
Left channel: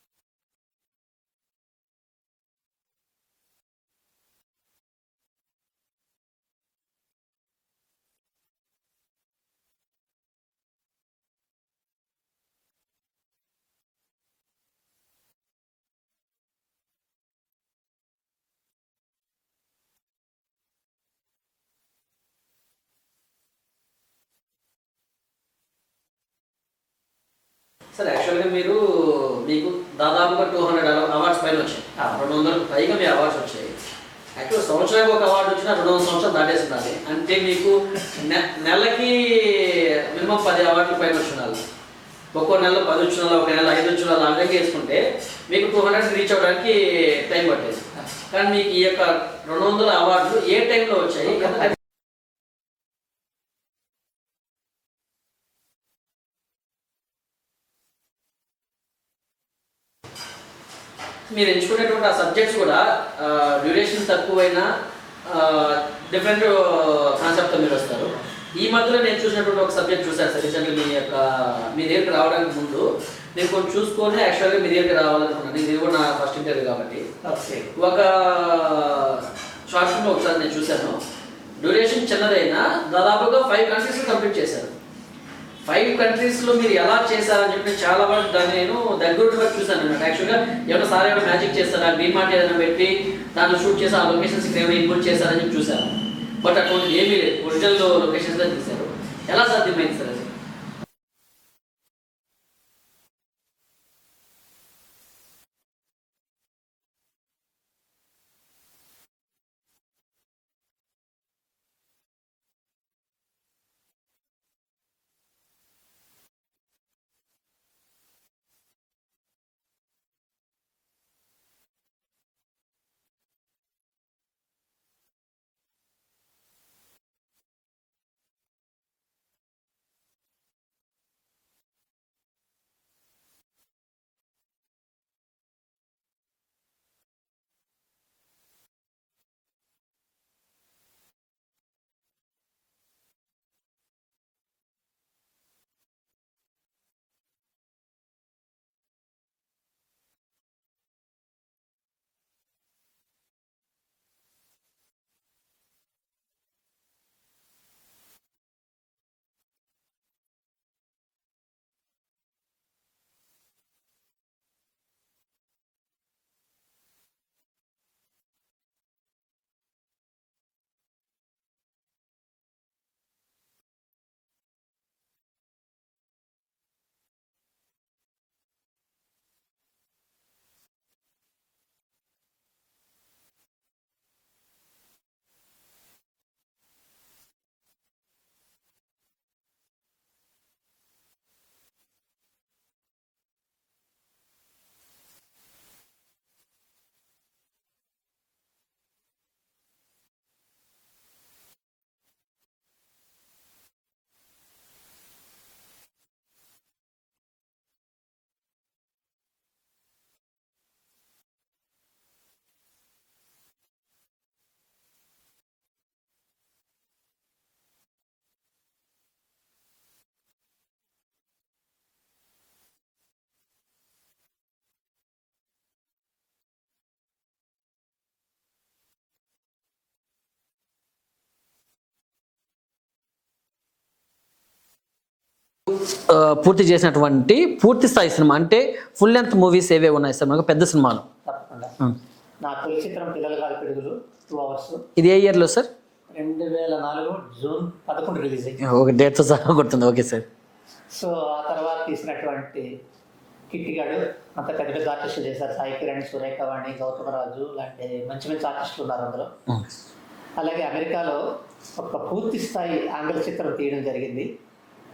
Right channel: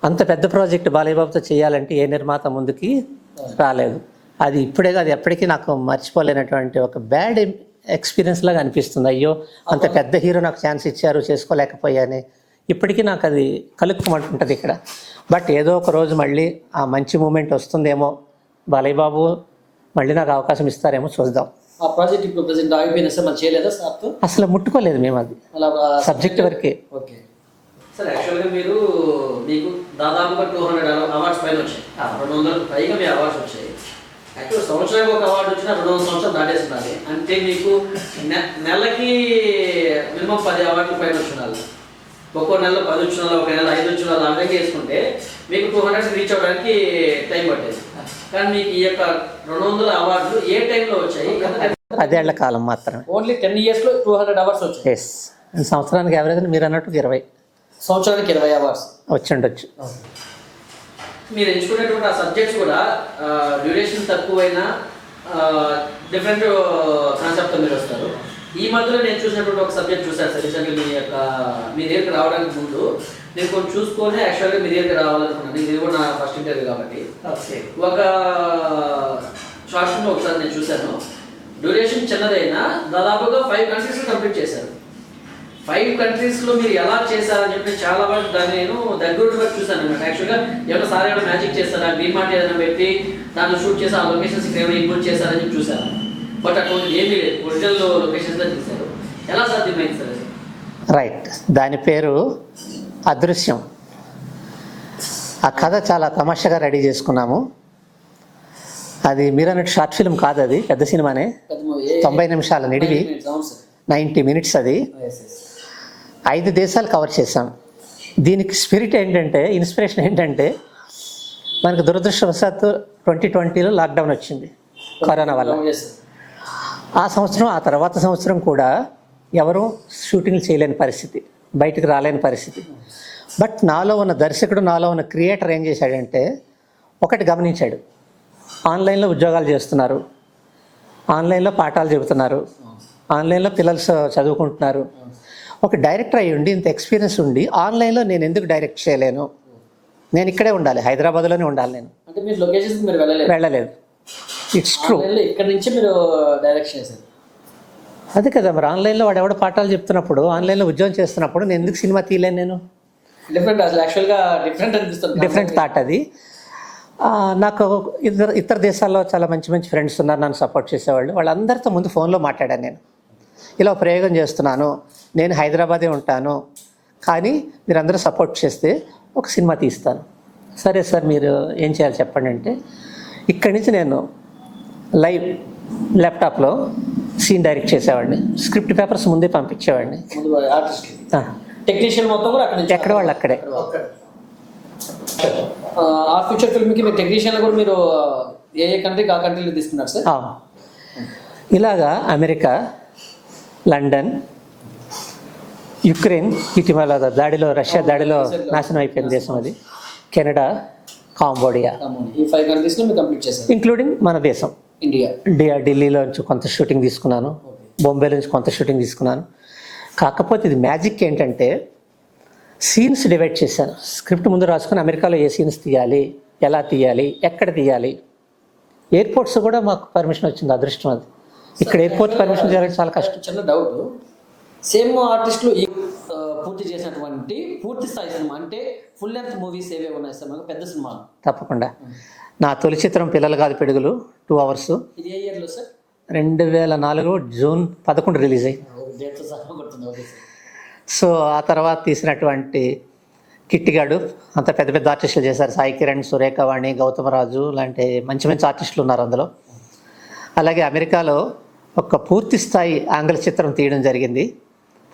అంత పెద్ద ప్రాజెక్ట్ బాలయ్య బాబుతో చేయాలంటే ఏ నిర్మాత ముందుకి రాలేదు. అది ఇప్పుడే కాదు ఎప్పటికీ నాకు మర్చిపోలేనటువంటి ఒక బ్యాడ్ ఎక్స్పీరియన్స్ లాగా అనిపిస్తుంది. అయ్యో అంత పెద్ద హీరో నాకు ఛాన్స్ ఇచ్చారు, చేసుకోలేకపోయానే. ఇప్పటికీ నాకు అది కలుక్కుమంటుంటుంది ఇక్కడ. బట్ ఏదో ఒక రోజు మళ్ళీ ఆ మంచి మూమెంట్ వస్తుందేమో, బాలయ్య బాబు మళ్ళీ నాకు అవకాశం ఇస్తారేమో, చూద్దాం. ఆ ప్రాజెక్ట్ ఇప్పుడు ప్రెజెంట్ ఆగిపోయినా సార్, మనం చేయలేదా సార్తో? అసలు ముట్టుకోలేదు మేము, అది సబ్జెక్ట్ వరకే. ఓకే సార్, యాక్చువల్గా మీకు దాదాపుగా 200 అవార్డ్స్ పైన వచ్చాయి, 200 పైగా మీ అవార్డ్స్ వచ్చాయి. యాక్చువల్ సంవత్సరానికి ఒక అవార్డు వచ్చినా 200 సంవత్సరాలు దాటేస్తున్నది. అంటే మీకు నెలకి మినిమం 10 అవార్డుల పైన వచ్చినారు. ఒక్కో నెలలో 10 వచ్చినాలు, ఒక నెల 5 వచ్చినాలు, ఆ విధంగా వేసుకుంటే మీకు 200 రీచ్ అవ్వడానికి టైం పట్టేది. కానీ మీకు ఈ యొక్క 200 అవార్డులు ఏ టైంలో వచ్చాయి? 10 ఏళ్ల కాలం మాత్రమే. ఓన్లీ 10 ఇయర్స్లో 200 అవార్డ్స్ వచ్చాయి. ఎస్, సంవత్సరానికి యావరేజ్ మీరు అన్నట్టు 20, సంవత్సరానికి 20 అవార్డ్స్ వచ్చి ఉండొచ్చు. మీరు ఎంచుకునేటువంటి ఆ సబ్జెక్ట్స్ కూడా డ్యూరేషన్ తక్కువైనా డిఫరెంట్ కాన్సెప్ట్తో మీరు వస్తారు. ఈ మధ్యలో నేను చూసినటువంటి ఒక సబ్జెక్ట్ చూసాను సార్, రీసెంట్గా మీ దగ్గరికి రావడానికి ముందు నేను కొంచెం చూసుకొని యాక్చువల్గా మీ దగ్గరికి రావాలనుకున్నాను. ఇది కూడా నా ఫస్ట్ ఇంటర్వ్యూ కాబట్టి ఒక షార్ట్ ఫిల్మ్ ఒకసారి నేను చూశాను. డ్యూరేషన్ చిన్నదైనా దాదాపుగా 5 కంట్రీస్లో కంప్లీట్ చేశారు. 5 కంట్రీస్లో మీరు ఎలా చేశారని చెప్పి చాలా వరకు దాన్ని నేను దగ్గర వరకు చూశాను అన్నమాట. యాక్చువల్గా ఏమైనా సార్ ఏమైనా మ్యాజిక్ చేస్తారా, గ్రీన్ మార్ట్ ఏదైనా పెట్టి దాంట్లో షూట్ చేసి ఆ లొకేషన్స్ ఏమైనా ఇన్పుట్ చేశారని చెప్పి చూశాను. బట్ అటువంటి ఏమీ లేదు, ఒరిజినల్ లొకేషన్స్లో తీశారు. ఎలా సాధ్యమైంది సార్ అది? రైట్, దాని పేరు అదృశ్యం. ఆ కథ చాలా తమాషాగా రెడీ చేసుకున్నాము. అది మీరు అన్నట్టు షార్ట్ ఫిల్మ్ కాదు, అది పెద్ద సినిమానే. 90 నిమిషాల నిడివి, 90 మినిట్స్. అది 5 దేశాలు కవర్ చేశాం. దీనికి స్పిరిట్ ఏంటంటే, ఇన్స్పిరేషన్ ఏంటంటే, మనకు దురదృష్టవశాత్తు 2020లో లాక్డౌన్ వచ్చింది కరోనా వల్ల. ఆ సంవత్సరం, ఆ తర్వాత సంవత్సరం కూడా ఎవరూ షూటింగ్లు చేయలేని పరిస్థితి, బయటకు రాలేని పరిస్థితి. బట్ నాలో ఉన్న దర్శకుడు, నాలో ఉన్న క్రియేటర్ ఏం చేశాడంటే, ఒకటి గమనించాడు. ఆన్లైన్లో ఉద్యోగాలు చేస్తున్నారు, ఆన్లైన్లో పాఠాలు చెబుతున్నారు, ఆన్లైన్లో పిల్లలు చదువుకుంటున్నారు. ఒక డైరెక్టర్ అయ్యి ఉండి, ఇంత ఎక్స్పీరియన్స్ ఉండి, ఆన్లైన్లో నేను ఎందుకు డైరెక్ట్ చేయలేను? నేను ఇక్కడే ఉండాలి, హైదరాబాద్లోనే ఉండాలి. నేను అంటే మీరు లొకేషన్స్ మీరు వెళ్ళలేదు. It's true. ఇక్కడ నుంచి మీరు డైరెక్ట్ చేశారు. అదే కదా మరి, ఆన్లైన్లో వాడు ఎవడో పాఠాలు చెప్తున్నప్పుడు, ఆన్లైన్లో ఉద్యోగం చేస్తున్నప్పుడు నేను ఎందుకు సినిమా తీయలేను? నేను డిఫరెంట్, అసలు యాక్చువల్గా డిఫరెంట్ అనిపిస్తుంది. డిఫరెంట్ థాట్ అది. నాకు ఇతర దేశాల్లో చాలా మంచి మంచి ఫ్రెండ్స్ ఉన్నారు నన్ను సపోర్ట్ చేసేవాళ్ళు. వాళ్ళందరితో ముందు ఫోన్లో మాట్లాడాను నేను. ఇలా ప్రయోగం చేస్తున్నాను, నేను హైదరాబాదే ఉంటాను, కానీ మీరందరూ సపోర్ట్ చేస్తే ఒక సినిమా తీస్తాను. సరే సార్ మీరు ఏం చేయాలి చెప్పండి అంటే, ఇక్కడి నుంచి నేను లైవ్ ల్యాప్టాప్లో సీన్ డైరెక్ట్ చేసేవాడిని, స్క్రిప్ట్ పేపర్స్ ముందే పంపించేవాడిని. ఆర్టిస్ట్కి టెక్నీషియన్ మొత్తం కూడా అక్కడ నుంచి ఎక్కడ వాళ్ళు అక్కడే. ఆ ఫ్యూచర్ ఫిల్మ్కి మీరు టెక్నీషియన్ కూడా మీరు ఏ కంట్రీకి ఆ కంట్రీలో తీసుకున్నారు సార్? ఇలాగా అమెరికా, లండన్, యుక్రెయిన్, ఇటీవల దాడిలో రష్యా దాడిలో నాశనం అయిపోయిన దేశం అది, కెనడా, కాంబోడియా, ఈ 5 కంట్రీస్లో మీరు కంప్లీట్ చేశారు, ఇంక్లూడింగ్ మన దేశం ఇండియా. ఢిల్లీలో నుంచి కొంత షూటింగ్ తీసుకున్నాను, బొంబేలో నుంచి కొంత షూటింగ్ తీసుకున్నాను. కాకపోతే ఇది మ్యాజిక్ ఏంటంటే సీన్స్ డివైడ్ చేశాను. స్క్రిప్ట్ ముందు రాసుకుని అమెరికాలో ఏ సీన్స్ తీయాలి, ఎలా తీయాలి, ఎక్కడ తీయాలి. ఎయిర్పోర్ట్స్ కూడా మాకు పర్మిషన్ వచ్చింది, అదృష్టం అది. ఇక్కడ ఎయిర్పోర్ట్ పర్మిషన్ చేయాలంటే చాలా కష్టం. చిన్న డౌట్, సేమ్ ఆర్టిస్టులు పూర్తి చేసినటువంటి పూర్తి స్థాయి సినిమా అంటే ఫుల్ లెంత్ మూవీస్ ఏవే ఉన్నాయి సార్ మనకు పెద్ద సినిమాలు? తప్పకుండా. నా తొలి చిత్రం పిల్లలు కాదు పిడుగులు, 2 hours. ఇది ఏ ఇయర్లో సార్? 2004 జూన్ 11 రిలీజ్ అయ్యి. ఒక డేట్తో సహా గుర్తుంది. Okay sir. సో ఆ తర్వాత తీసినటువంటి కిట్టిగాడు, అంత పెద్ద పెద్ద ఆర్టిస్టులు చేశారు. సాయి కిరణ్, సురేఖవాణి, గౌతమరాజు లాంటి మంచి మంచి ఆర్టిస్టులు ఉన్నారు అందులో. అలాగే అమెరికాలో ఒక పూర్తి స్థాయి ఆంగ్ల చిత్రం తీయడం జరిగింది.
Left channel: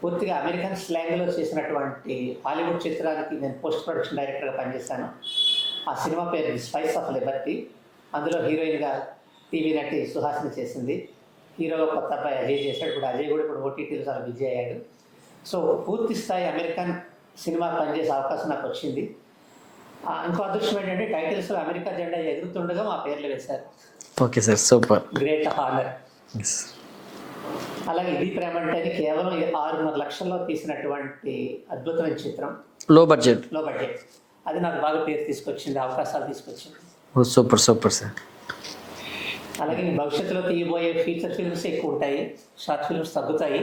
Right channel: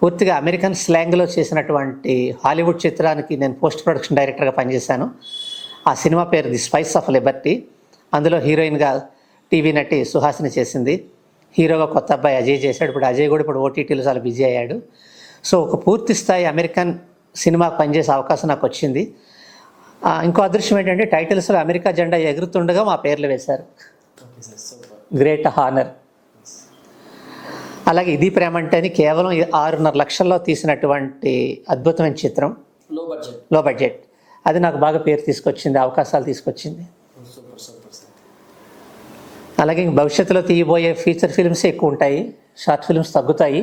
పూర్తిగా అమెరికన్ స్లాంగ్లో చేసినటువంటి హాలీవుడ్ చిత్రానికి నేను పోస్ట్ ప్రొడక్షన్ డైరెక్టర్గా పనిచేశాను. ఆ సినిమా పేరు ది స్పైస్ ఆఫ్ లిబర్టీ. అందులో హీరోయిన్గా టీవీ నటి సుహాసిని చేసింది, హీరోగా కొత్త అబ్బాయి అజయ్ చేశాడు. ఇప్పుడు అజయ్ కూడా ఇప్పుడు ఓటీటీలో చాలా బిజీ అయ్యాడు. సో ఒక పూర్తి స్థాయి అమెరికన్ సినిమాకి పనిచేసే అవకాశం నాకు వచ్చింది. ఇంకో అదృష్టం ఏంటంటే టైటిల్స్లో అమెరికా జెండా ఎగురుతుండగా మా పేర్లు వేశారు. Okay sir, super, great honour. అలాగే ఇది ప్రేమ అంటే అని కేవలం 6.5 లక్షల్లో తీసినటువంటి అద్భుతమైన చిత్రం, లో బడ్జెట్. అది నాకు బాగా పేరు తీసుకొచ్చింది, అవకాశాలు తీసుకొచ్చింది. Super super sir. అలాగే భవిష్యత్తులో తీయబోయే ఫీచర్ ఫిల్మ్స్ ఎక్కువ ఉంటాయి, షార్ట్ ఫిల్మ్స్ తగ్గుతాయి.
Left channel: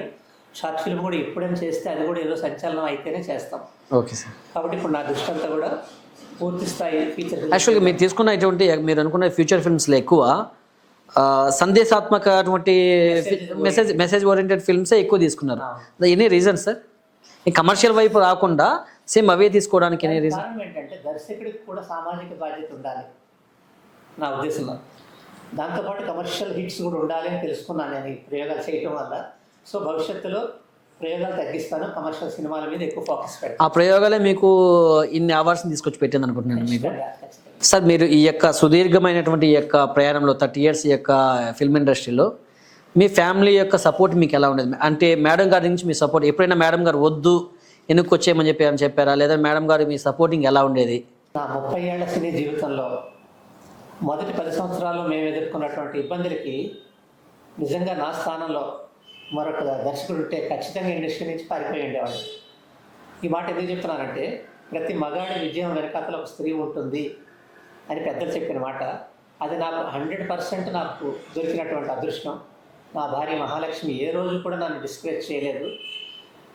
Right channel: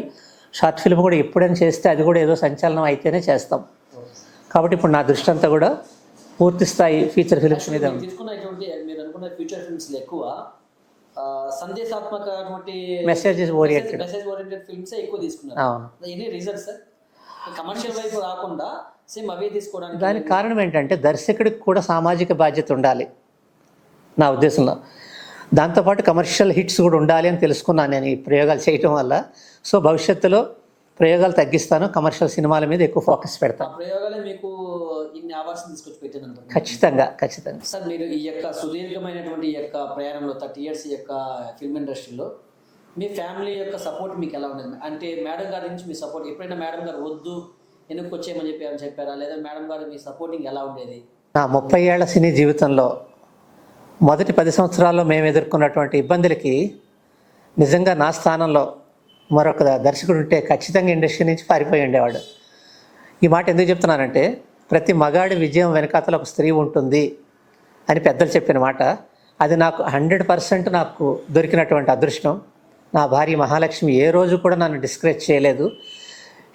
షార్ట్ ఫిల్మ్ కూడా ఎప్పుడైనా చేస్తే అది కూడా ఏదో సంచలనం అయితేనే చేస్తాం. Okay sir. కాబట్టి ఇప్పుడు నా దృష్టి అంతా కూడా పూర్తి స్థాయి ఫీచర్ ఫిల్మ్. యాక్చువల్గా మీరు తీసుకున్నటువంటి మీరు అనుకున్న ఫ్యూచర్ ఫిల్మ్స్లో ఎక్కువ సందేశాత్మక అటువంటి మెసేజ్ ఓరియంటెడ్ ఫిల్మ్సే ఎక్కువ తీసుకున్నారు. Any reason sir? కమర్షియల్ వైపు రాకుండా సేమ్ అవే తీసుకోవడానికి కారణం ఏంటంటే దర్శకుడికి కూడా సామాజిక బాధ్యత ఉండాలి నా ఉద్దేశంలో. దాంతోపాటు కమర్షియల్ హిట్స్ కూడా ఉండాలి అని తెలుసుకున్నాను నేను ఈ ప్రయోగాలు చేయటం వల్ల. సో భవిష్యత్తులో ప్రయోగాలు తగ్గిస్తాను, కమర్షియల్ సినిమాల మీద ఎక్కువ ఫోకస్ పెడతాను. ఆ ప్రయోగాలే మీకు ఇన్ని అవార్డ్స్ని తీసుకొచ్చి పెట్టింది అనుకుంటున్నాను. ఖచ్చితంగా సార్. మీరు ఈ యొక్క సుదీర్ఘమైనటువంటి ఈ యొక్క ప్రయాణంలో 30 years ఈ యొక్క ఫిల్మ్ ఇండస్ట్రీలో మీ ఫ్యామిలీ యొక్క సపోర్ట్ మీకు ఎలా ఉండేది? అంటే మేడం గారి నుంచి మీ సపోర్ట్ ఎప్పుడైనా మేడం గారు వద్దు ఎందుకు వచ్చేయమని చెప్పారా, లేదా మేడం గారు మీ సపోర్టింగ్ ఎలా ఉండేది? నా 30 ఏళ్ల సినీ జీవితంలో మొదటి 10 సంవత్సరాల్లో మేము ఎదుర్కొన్నటువంటి ఇబ్బందులకి నిజంగా నా స్థానంలో మరొక దర్శకుడు ఉంటే ఖచ్చితంగా ఇండస్ట్రీ నుంచి పారిపోయి ఉండేవాడు. ఈ మాట ఎందుకు చెప్తున్నానంటే ప్రతి మగాడి విజయం వెనకాతల ఒక స్త్రీ ఉంటుంది అని పెద్దలు చెప్పిన మాట. అది నాకు 100% నాకు దొరికినటువంటి అదృష్టం. నా భార్య మహాలక్ష్మి ఏ రోజు కూడా నన్ను డిస్కరేజ్ చేయలేదు.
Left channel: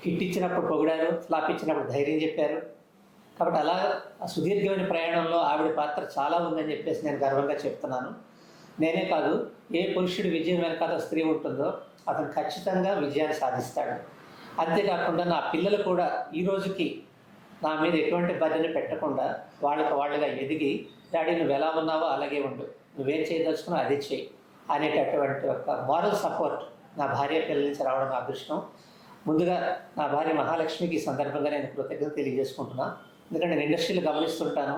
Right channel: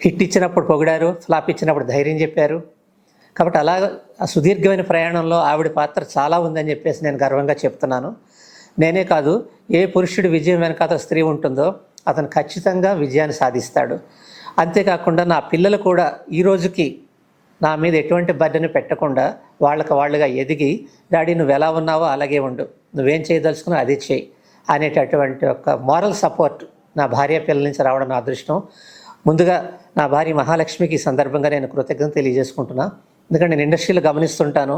హిట్ ఇచ్చినప్పుడు పొగిడారు, ఫ్లాప్ ఇచ్చినప్పుడు ధైర్యం చెప్పారు. కాబట్టి అలా ఆ సుదీర్ఘమైన ప్రయాణంలో ఆవిడ పాత్ర చాలా ఉందని చెప్పేసి నేను గర్వంగా చెప్తున్నాను. నేనే కాదు, ఏ పురుషుడి విజయం వెనకాత స్త్రీ ఉంటుందో అతను ఖచ్చితంగా విజయాన్ని సాధిస్తాడు. అంతేకాకుండా నా పిల్లలు కూడా ఈ రోజుకి నా మీద ఎటువంటి బర్డెను పెట్టకుండా వాళ్ళుగా ఎదిగి, డాడీ నువ్వు ఎలా ఉన్నావో అలాగే ఉండు, నువ్వేం చేయదలుచుకున్నావు అది చేయి అనేటటువంటి ఒక మోరల్ సపోర్ట్ నా భార్య పిల్లల నుంచి రావడం నా అదృష్టం. ముందుగా నా భార్య మహాలక్ష్మికి ఈ సందర్భంగా నేను కృతజ్ఞత తెలియజేసుకుంటున్నా. ఎందుకంటే నేను ఇండస్ట్రీలో గమనిస్తుంటాను,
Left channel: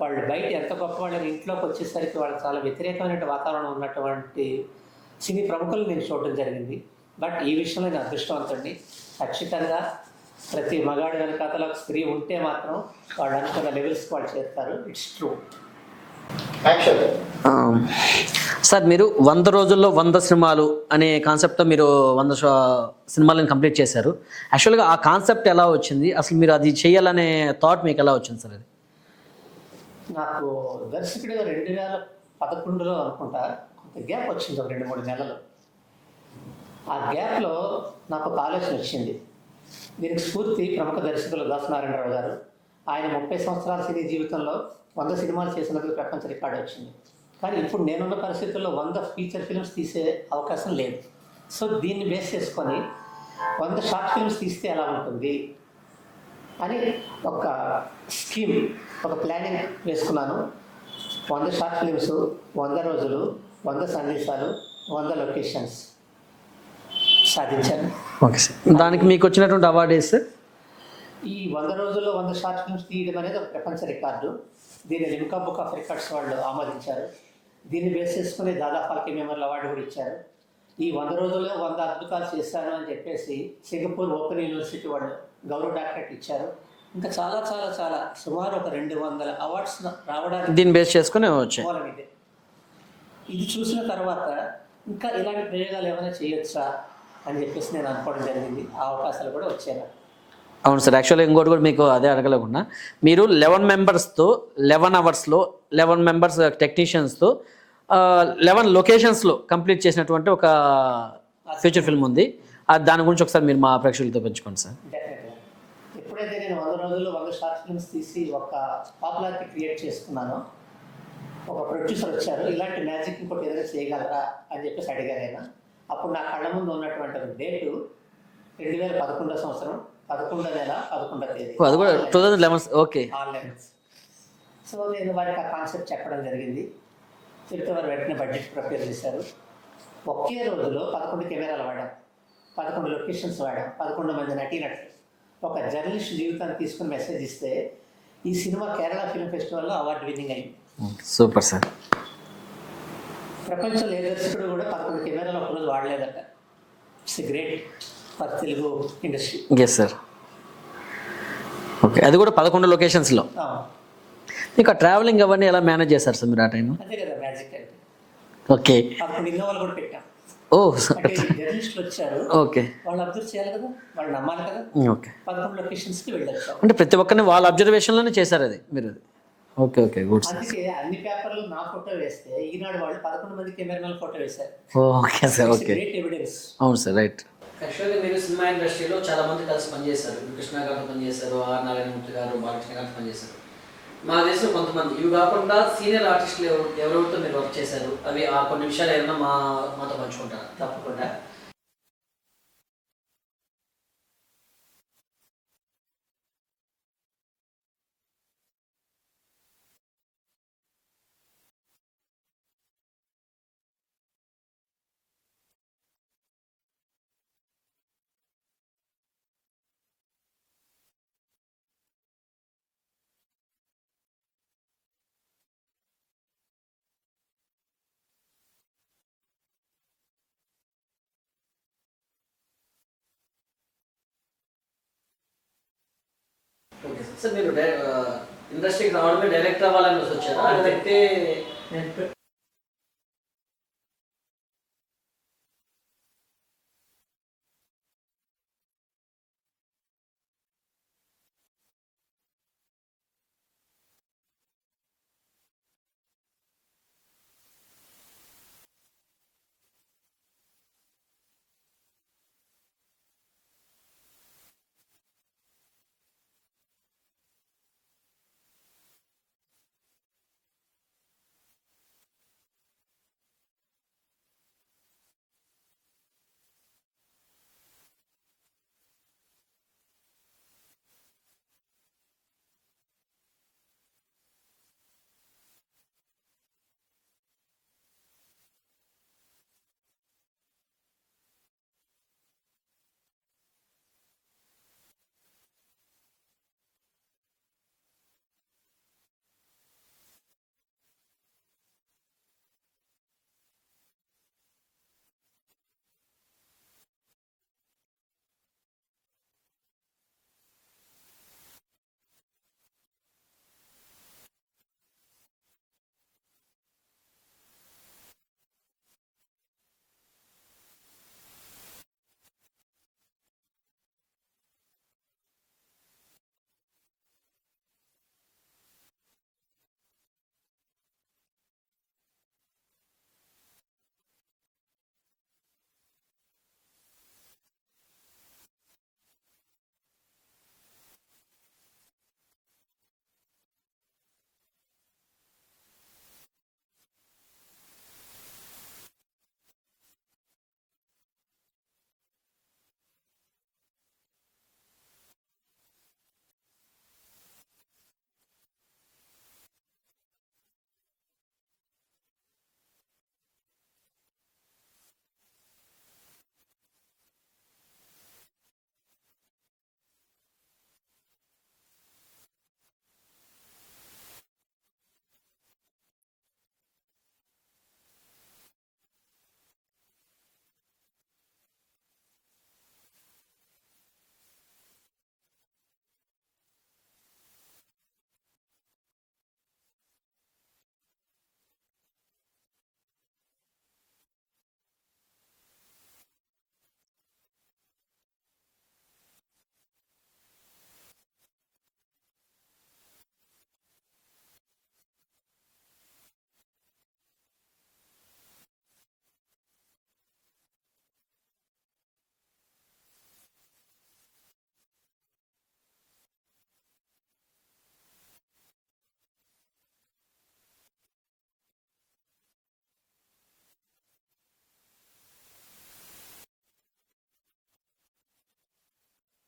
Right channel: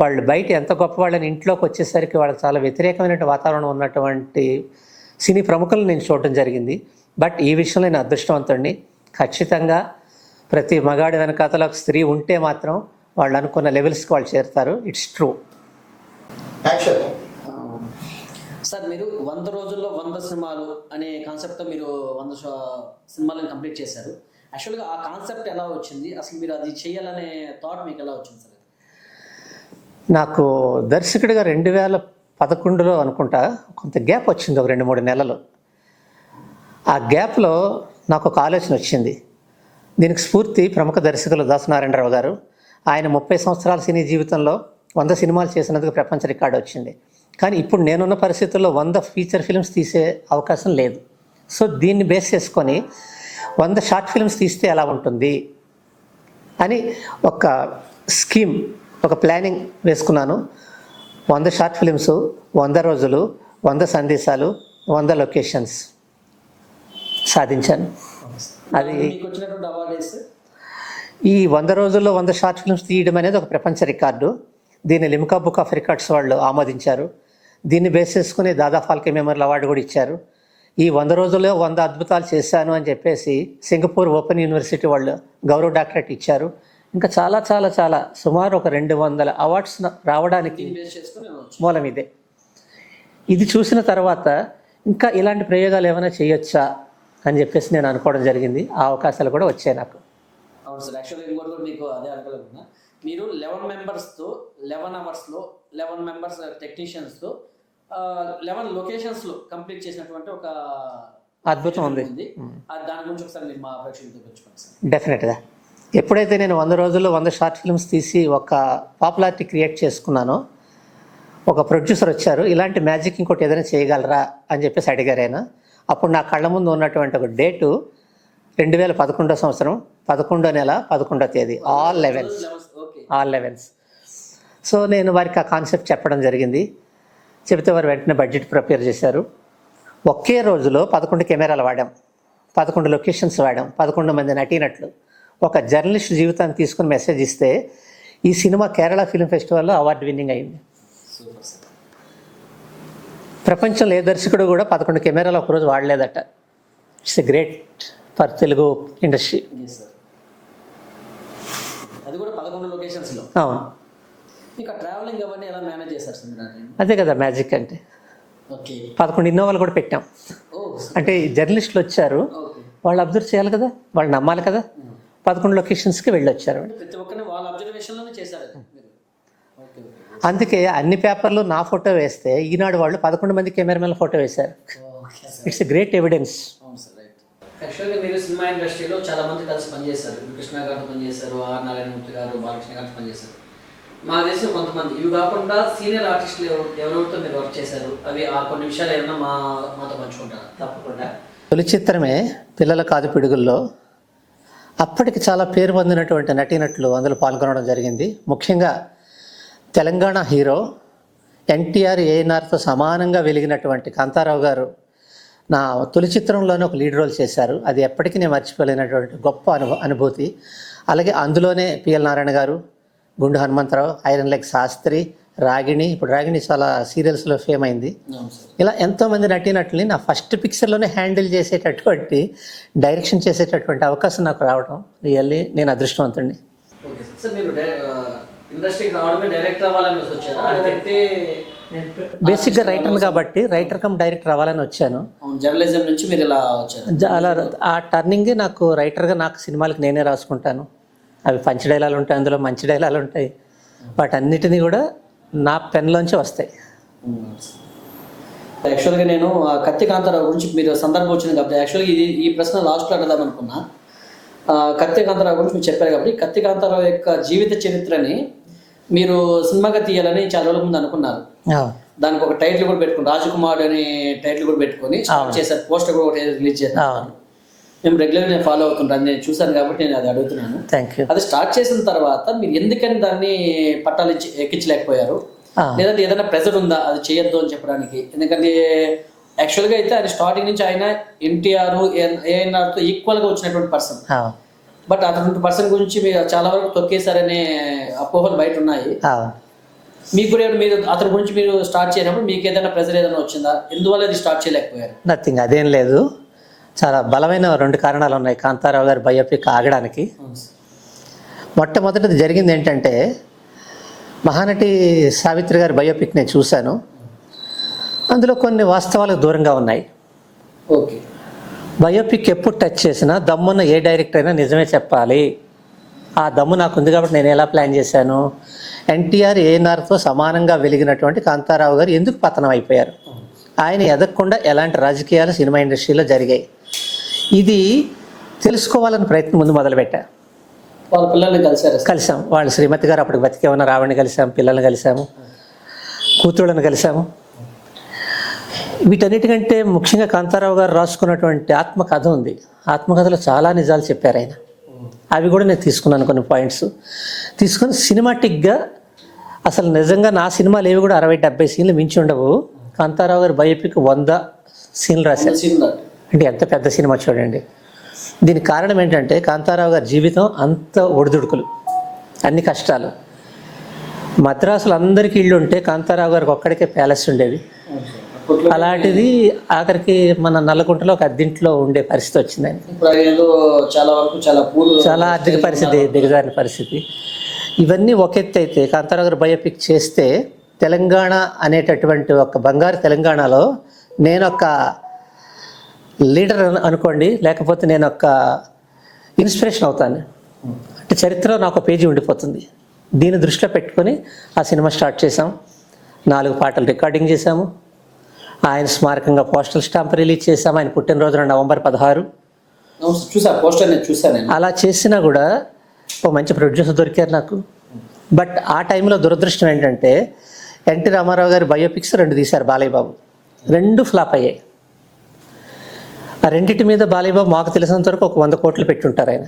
వాళ్ళు బయట ఎంత గొప్ప వాళ్ళని ఇంట్లోకి వచ్చేసరికి వాళ్ళకి చాలా వ్యతిరేకమైన వాతావరణం ఉన్నటువంటి సినీ ప్రముఖులను నేను చూడటం జరిగింది. బట్ ఈ విషయంలో నేను అదృష్టవంతుడిని. ఖచ్చితంగా ప్రతి మగాడి వెనకాతలో ఒక స్త్రీ ఉంటే మాత్రం వాళ్ళు అనుకున్న లెవెల్స్కి వాళ్ళు చేరుతారు. It's true. సార్, మీరు 100 రోజుల్లో 100 సినిమాలు అనే కాన్సెప్ట్తో మీరు 100 సినిమాలను కంప్లీట్ చేశారు. యాక్చువల్గా ఆ కాన్సెప్ట్ ఎలా వచ్చింది, అసలు మీరు అది చేయాలనే థాట్ మీకు ఎలా వచ్చింది సార్? అది నాకు దర్శకుడిగా 2011లో అనుకుంటా కొంత గ్యాప్ వచ్చింది, ఒక 2-3 నెలలు. ఆ గ్యాప్లో నాకు ఒక ఆలోచన వచ్చింది. దీనికి స్ఫూర్తి ప్రముఖ దర్శకులు దాసనారాయణరావు గారు. ఆయన 30 సంవత్సరాల సినీ జీవితంలో 100 సినిమాలు చేసినందుకు ప్రపంచ రికార్డు వచ్చింది. కానీ ఇప్పుడు నేనున్న పరిస్థితుల్లో 100 ఫీచర్ ఫిల్మ్స్ తీసే అవకాశం లేదు. సో దీన్ని బేస్ చేసుకొని 100 షార్ట్ ఫిల్మ్స్ తీస్తే ఎలా ఉంటుంది అని ఒక స్కీమ్, ఒక ప్లానింగ్ వేసుకున్నాను. 100 షార్ట్ ఫిల్మ్స్, 100 రోజులు, 100 సందేశాలు, 100 లొకేషన్స్ సాధించాను. Okay sir. దానికి మీకు వచ్చినటువంటి అవార్డు ఏది సార్? ఈ 100 రోజుల్లో 100 షార్ట్ ఫిల్మ్స్ తీయడం అనేది ఒక ప్రపంచ రికార్డు. దీన్ని లిమ్కా బుక్ ఆఫ్ రికార్డ్స్ వాళ్ళు ఆమోదించారు. దీన్ని బేస్ చేసుకుని దాదా ఫాల్కే మెమోరియల్ అవార్డు కూడా ఇచ్చారు. ఈ 100 రోజుల్లో 100 అద్భుతాలు చేశాను అని చెప్పేసి సింగపూర్ ఓపెన్ యూనివర్సిటీ వాళ్ళు గౌరవ డాక్టరేట్ ఇచ్చారు. ఇంకా చాలా చాలా చాలా సుమారు ఒక 200 అవార్డ్స్ రావడానికి దీన్ని బేస్ చేసుకుని వచ్చాయి. మూలం ఇదే. ఇది చూసిన తర్వాత ఇంకా ఇలాంటి ప్రయోగాలు ఏమైనా చేయొచ్చా అని చెప్పేసి నేను అనుకోవడం జరిగింది. ఆ అవకాశాలు కూడా వచ్చాయి నాకు. అవును సార్. యాక్చువల్గా ఇంకోటి కూడా మీకు అదే అడగలేకుండా, మీరు 11 మెంబర్స్తో 11 అవర్స్లో 11 మెంబర్స్ టెక్నీషియన్స్తో 11 లొకేషన్స్లో కంప్లీట్ చేసినటువంటి ఒక ఫీచర్ ఫిల్మ్ ఉంది. దాని గురించి ఒకసారి మీరు మా ప్రేక్షకులతో పంచుకోండి సార్. డెఫినెట్గా. ఎప్పుడైతే నేను 100 రోజుల్లో 100 షార్ట్ ఫిల్మ్స్ తీసి ఒక పాపులారిటీ క్రియేట్ చేసుకున్నానో, ఒక ప్రొడ్యూసర్ వచ్చారు, ఇలాంటి మ్యాజిక్ ఇంకోటి ఏదైనా చేయగలరా అని చెప్పేసి అడిగారు ఆయన. అప్పుడు నా కళ్ళ ముందు ఉన్నటువంటి ఒక డేటు 2011 సంవత్సరం 11వ నెల 11వ తేదీ, ఓకే, ఆల్ 11. సో నేను వారికి ఆ కాన్సెప్ట్ చెప్పడం జరిగింది. చెబితే వారు వెంటనే బడ్జెట్ ప్రిపేర్ చేశారు. ఒకే రోజులో 11 కెమెరాలు వాడాం, 11 లొకేషన్స్ వాడాం, 11 మంది నటీనట్లు. ఒక జర్నలిస్ట్ జీవితాన్ని తీసుకుని మెసేజ్ ఇస్తే ఈ సినిమా కేరళ ఫిల్మ్ ఫెస్టివల్లో అవార్డు విన్నింగ్ అయింది. Super sir. ప్రపంచంలో ఏ దర్శకుడు కూడా 11 కెమెరాలు ఒకరోజు వాడలేదట. It's a great for Telugu industry. Yes sir. Okay, అది కూడా 11 లొకేషన్స్లో. మీకు ఆ ట్రావెలింగ్ అవన్నీ ఎలా మేనేజ్ చేశారు సార్ మీరు ఆ టైం? అదే కదా మ్యాజిక్ అంటే. ఓకే, 11 ఇన్నోవాలు కూడా పెట్టాం. ఓ అంటే జర్నలిస్టులు వచ్చారు, ఓకే, వాళ్ళు అబ్జర్వ్ చేయాలి కదా, వాళ్ళు నమ్మాలి కదా. ఓకే, 11 లొకేషన్స్కి వెళ్ళొచ్చారు. అంటే ప్రతి ఒక్కరిని వాళ్ళ అబ్జర్వేషన్లోనే చేశారు అది మీరు. Okay okay, good. అందుకే అన్ని పేపర్లు నా ఫోటో వేస్తే ఈనాడు వాళ్ళు 11 మంది కెమెరామెన్ల ఫోటో వేశారు. Okay sir. It's great evidence. అవును సార్, రైట్. యాక్చువల్గా మీరు సినిమా ఇండస్ట్రీలో చాలా మంది కలిసి పనిచేశారు. కృష్ణ గారితో పనిచేశారు, ఆర్ నారాయణమూర్తి గారు, బాలకృష్ణ గారితో పనిచేశారు. మా దేశంలో కొంతమంది ఇవి కాకుండా సీనియర్ ఆర్టిస్టులు ఎవరెవరితో మీరు వర్క్ చేశారు, అవి ఆ కొన్ని విషయాలు ఏమన్నా మాతో పంచుకుంటారు? తప్పకుండా. తొలి చిత్రమే పిల్లల కాదు పిడుగుల్లో. అప్పటికి చాలా పేరు పొందినటువంటి నటీనటులు అందులో పాల్గొనడం జరిగింది. ముఖ్యంగా తెలంగాణ హీరో ఎన్టీఆర్, ఏఎన్ఆర్తో సమానంగా వెలిగినటువంటి కాంతారావు గారు నా తొలి చిత్రంలోనే ఒక లీడ్ రోల్ చేశారు. అది ఎప్పటికీ నేను మర్చిపోలేనటువంటి గొప్ప అనుభూతి. అలాగే అందులోనే పిఎల్ నారాయణ గారు, గుండు హనుమంతరావు, ఐరన్ లెగ్ శాస్త్రి, రాగిణి, ఇప్పుడు రాగిణి చాలా సీరియల్స్లో ఫేమ్ అయింది. ఇలా ఎంతోమంది నటీనటుల్ని నా ఫస్ట్ పిక్చర్లోనే హ్యాండిల్ చేసేటటువంటి, డైరెక్షన్ చేసేటటువంటి అవకాశం నాకు రావడం రియల్లీ నేను అదృష్టవంతుడిని. Okay sir. మీరు ఇండస్ట్రీకి రావడమే డైరెక్టర్ అవ్వాలని వచ్చారా? అంటే బేసిక్గా రైటర్ని కాబట్టి రైటర్ కమ్ డైరెక్టర్ అవ్వాలని వచ్చాను. జర్నలిజం నుంచి మీరు ఇలా వచ్చారు. అలా ఆ టర్నింగే నాకు రైటర్గా, నాకు సినిమాలకు నేనే రాసుకుంటాను. అవి పంచి డైలాలు ఉంటాయి, అందులో మంచి డైలాలు ఉంటాయి. వాటన్నిటినీ కూడా నా పెన్లోంచి వస్తాయి. యాక్చువల్గా నేను కత్తి కాంతారావు గురించి మీరు సందర్భం వచ్చింది కాబట్టి యాక్చువల్గా ఈ ప్రశ్న లాస్ట్లో అడదాం అనుకున్నా. కత్తి కాంతారావు గురించి మీరు చెప్పారు కాబట్టి కత్తి కాంతారావు యొక్క జీవిత చరిత్రని మీరు సినిమాగా తీయాలని చాలా రోజుల ముందు అనుకున్నారు. దానికి ఒక టైటిల్ కూడా పెట్టుకుని, రాజకుమార్ అనే టైటిల్ కూడా పెట్టుకొని చేశారు. పోస్టర్ కూడా ఒకటి రిలీజ్ చేశారు. మేము రెగ్యులర్గా ఫాలో అవుతుంటాను, నేను చూశాను కాబట్టి నేను అది అడుగుతున్నాను. అది స్టార్ట్ చేసిన తర్వాత మీరు ఎందుకని దాన్ని పట్టాలు ఎక్కించలేకపోయారు? లేదంటే ఏదైనా ప్రెజర్ ఉందా అది చేయొద్దు అని చెప్పడానికి? ఎందుకంటే యాక్చువల్గా అయితే ఆయన స్టార్టింగ్ నుంచి ఆయన ఎన్టీఆర్, ఏఎన్ఆర్తో ఈక్వల్గా వచ్చినటువంటి పర్సన్. బట్ అటువంటి పర్సన్ గురించి మీరు చాలా వరకు తొక్కేశారనే అపోహలు బయట ఉన్నాయి. మీకు కూడా మీరు అతని గురించి మీరు స్టార్ట్ చేయనప్పుడు మీకు ఏదైనా ప్రెజర్ ఏదైనా వచ్చిందా? ఎందువల్ల ఇది స్టార్ట్ చేయలేకపోయారు? నథింగ్, అదేం లేదు. చాలా బలమైన 2 కారణాలు ఉన్నాయి కాంతారావు గారి బయోపిక్ ఆగడానికి. మొట్టమొదటిది జరిగింది ఏంటంటే, మహానటి సావిత్రి గారి బయోపిక్ నేను చూశాను. అందులో కొన్ని వాస్తవాలకు దూరంగా ఉన్నాయి. ఓకే, బయోపిక్ ఎప్పుడు టచ్ చేసినా దమ్మున్న ఏ డైరెక్టర్ అయినా నిజమే చెప్పాలి. ఆ దమ్ము నాకు ఉంది కాబట్టి నేను ఎలా ప్లాన్ చేశాను. ఎన్టీఆర్, ఏఎన్ఆర్తో సమానంగా వెలిగినటువంటి కాంతారావు గారు ఎందుకు పతనం అయిపోయారు, ఆయన ఎదగకుండా ఎలాంటి రాజకీయాలు సినిమా ఇండస్ట్రీలో జరిగాయి, ఇది తెలుసుకోవాలని ప్రయత్నం ముందు మొదలుపెట్టా. వాళ్ళ పిల్లల్ని కలిసారు కలిసాం. వాళ్ళ శ్రీమతి గారు అప్పటికి బతికే ఉన్న రావణ్ణి కలిసాం, పిల్లల్ని కలిసాము, కూతుళ్ళని కలిసాము. వీటన్నిటికంటే ముఖ్యంగా కాంతారావు గారు రాసుకున్నటువంటి ఆత్మకథ ఉంది. ఆత్మకథలో చాలా నిజాలు చెప్పారు ఆయన. అవి కూడా నేను తీసుకున్నాను, కొన్ని పాయింట్స్ తీసుకొని సినిమాటిక్గా. అసలు నిజంగా నా సినిమాలు ఏవి కూడా 60-70 సీన్లు మించి ఉండవు. కాంతారావు గారు బయోపిక్ 100 సీన్లు రాశారు. అంటే ఎంత పెద్ద సినిమా చూడండి. దీనికి కారణం ఏంటంటే కాంతారావు గారి జీవితం అంత ఒడిదుడుకులు, అన్ని కష్టాలు. మద్రాసులో అందరికీ ఇళ్ళు ఉంటే కాంతారావు గారికి ఒక్కడికే ప్యాలెస్ ఉండేది. అలాంటిది ఆఖరికి మన నల్లకుంటలో ఒక అద్దెంట్లో ఉండే పరిస్థితి వచ్చింది ఆయన. చాలా ఆర్థిక పరిస్థితి, దిగజారిన పరిస్థితి. ఇవన్నీ ఒక ఎత్తు అయితే కాంతారావు గారు బయోపిక్ చేస్తే తెలంగాణ అనేటటువంటి ఒక బంగారు తెలంగాణలో నేను ఒక లీడర్ అనుకోండి, లేకపోతే నేను ఒక ఇన్స్పిరేషన్ అవుతాను. అంటే చరిత్రలో నాకు ఒక పేజీ ఉండిపోతుంది. దీన్ని దృష్టిలో పెట్టుకొని ఆ సినిమా స్టార్ట్ చేసాం. 4 పాటలు రికార్డింగ్ చేశాము. ఆయన స్మారకంగా పోస్టల్ స్టాంప్ రిలీజ్ చేశాము. ఆయన పుట్టినరోజున November 16. అలా చేసినా కూడా ఒక మంచి ప్రొడ్యూసర్ దొరికారు నాకు. బట్ ఆ టైంలో దురదృష్టం ఏంటంటే ఎన్టీ రామారావు గారి బయోపిక్స్ 2 తీశారు బాలయ్య బాబు. 2 ఫ్లాప్ అయ్యాయి. ఆ రెండింటి మీద బాలయ్య బాబు మాకు తెలిసినంత వరకు ఒక 100 కోట్లు పెట్టుంటారు ఆయన.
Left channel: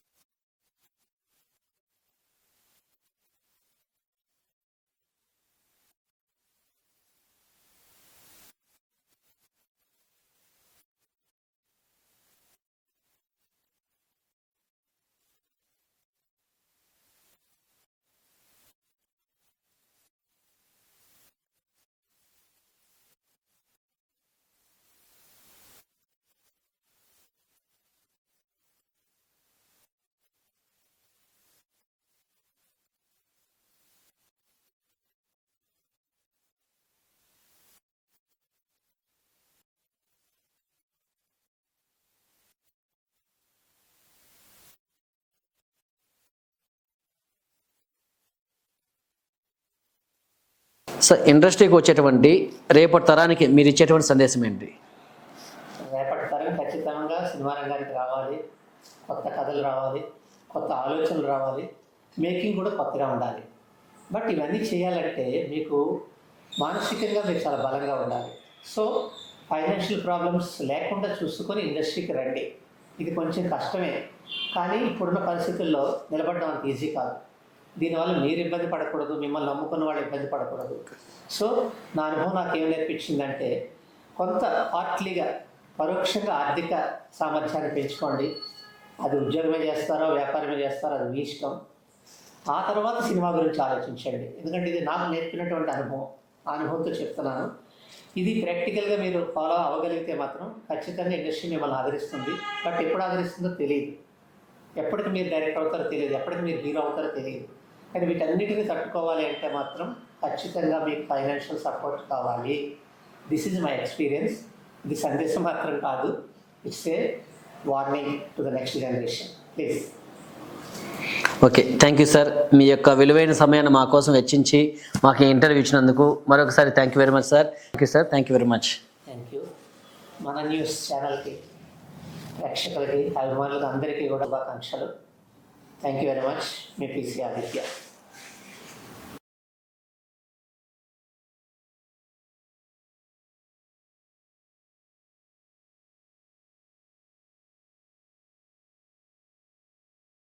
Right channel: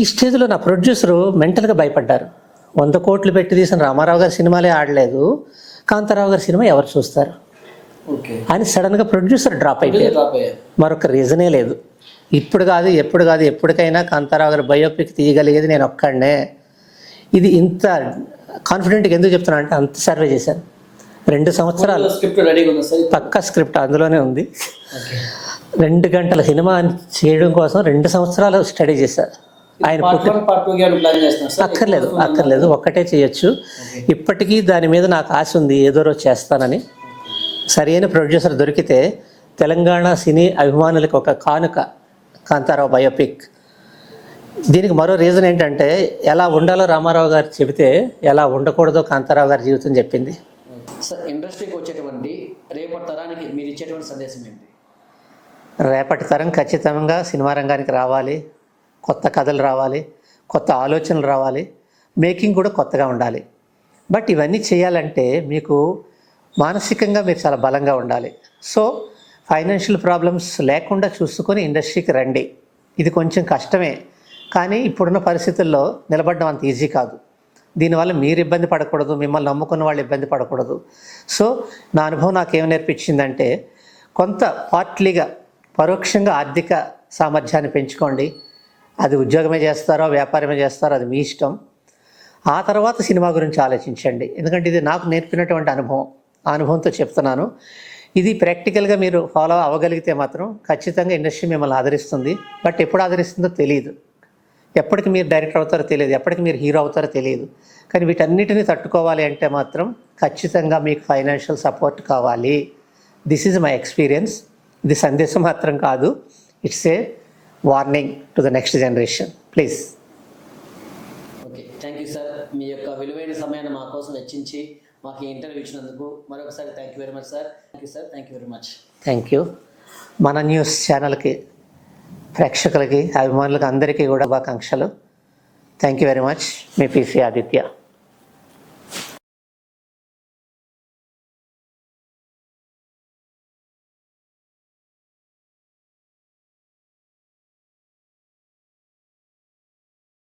ఈ స్టేజ్లో నా ప్రొడ్యూసరు మెంటల్గా భయపడ్డారు. 100 కోట్లు పెట్టి తీసిన రామారావు గారి సినిమాలే ఆడలేదు, కాంతారావు గారి సినిమా ఎవరు చూస్తారు అని సడన్గా ప్రొడ్యూసర్ డ్రాప్ అయిపోయారు. మరొక రీజనే లేదు. ఇప్పుడు కాదు, ఎప్పుడు కాదు, ఎప్పటికైనా కాంతారావు గారి బయోపిక్ తీయగలిగేది నేను ఒక్కడనే. ఇది ఇంత కాన్ఫిడెంట్గా ఎందుకు చెప్తున్నా అంటే అంత సర్వే చేశాను. 2 సంవత్సరాలు పక్కా స్క్రిప్ట్ అందులోనే ఉంది. 2 గంటల సినిమా చేయడం కోసం 2 సంవత్సరాలు స్టడీ చేశారు. ఆయన అక్కర్లేదు, ఒక్కటే చేయొచ్చు. ఇప్పటికీ దాని మీద నాకు ఆశ ఉంది, ఏదో రోజు చేస్తానని. సరైన ప్రొడ్యూసర్ దొరికితే తెలంగాణ సినీ అభిమానులకు ఒక కానుక కాంతారావు బయోపిక్. దీనికి మరో రీజన్ ఏంటంటే ఎలా ఉండాలో రామారావు గారు చెబితే ఎలా ఉండకూడదో కాంతారావు గారి జీవితం చెప్పింది. సో ఇండస్ట్రీకి వచ్చేటువంటి రేపటి తరానికి మీరు ఇచ్చేటువంటి సందేశం ఏంటి? రేపటి తరం ఖచ్చితంగా సినిమా రంగానికి రావాలి, కొత్త కథలు రావాలి, కొత్త ఆలోచనలు రావాలి, మేకింగ్ కూడా కొత్తగా ఉండాలి. బట్ ఇవన్నీ చేయాలంటే మీకు మానసికంగా మీరు చాలా బలంగా ఉండాలి. సో ఫైనాన్షియల్ ప్రాబ్లమ్స్ లేకుండా చూసుకొని ఇండస్ట్రీకి రండి. ఇది కొంచెం కష్టమే, కానీ ఇప్పుడున్న పరిస్థితుల్లో నిలబడడం అంత ఈజీ కాదు. దీనివల్ల మీరు ఇబ్బంది పడకూడదు, మిమ్మల్ని నమ్ముకున్న వాళ్ళు ఇబ్బంది పడకూడదు. సో నా అనుభవం నాకేం నేర్పించిందంటే కొంత పార్ట్లీగా పరోక్షంగా ఆర్థిక సామర్థ్యాన్ని పెంచుకోండి. అది ఉద్యోగమే చేస్తారో వ్యాపారమే చేస్తారో అది మీ ఇష్టం. ఆ తర్వాత సినిమా గురించి ఆలోచించండి. ఎందుకంటే ఇది నాకు నేర్పినటువంటి అనుభవం, ఆ అనుభవంతో చెప్తున్నాను. ఇది ప్రాక్టికల్గా మీరు ఫాలో అవ్వగలిగితే మాత్రం ఖచ్చితంగా ఇండస్ట్రీ మిమ్మల్ని ఆదరిస్తుంది. బట్ ఎప్పుడు ఆదరిస్తుందో తెలియదు, ఎప్పటికి మీరు డైరెక్టర్ అవుతారో తెలియదు, ఎప్పటికి మీరు హీరో అవుతారో తెలియదు. కానీ వీటన్నిటిని తట్టుకోవాలి అంటే మాత్రం ఖచ్చితంగా మీకు ఫైనాన్షియల్ సపోర్ట్ కావాలి. This is my experience. ఇది సందేశం మాత్రం కాదు, it's a warning to the next generation. Please. Okay, thank you sir. మీ యొక్క విలువైన సమయాన్ని మా కోసం వెచ్చించి మాకు ఇంటర్వ్యూ ఇచ్చినందుకు మరొకసారి thank you very much sir. Thank you sir, thank you very much. Thank you. మన న్యూస్ ఛానల్కి, ప్రేక్షకులకి, అభిమానులకి అందరికీ కూడా శుభాకాంక్షలు. Thank you very much. Me PC Aditya.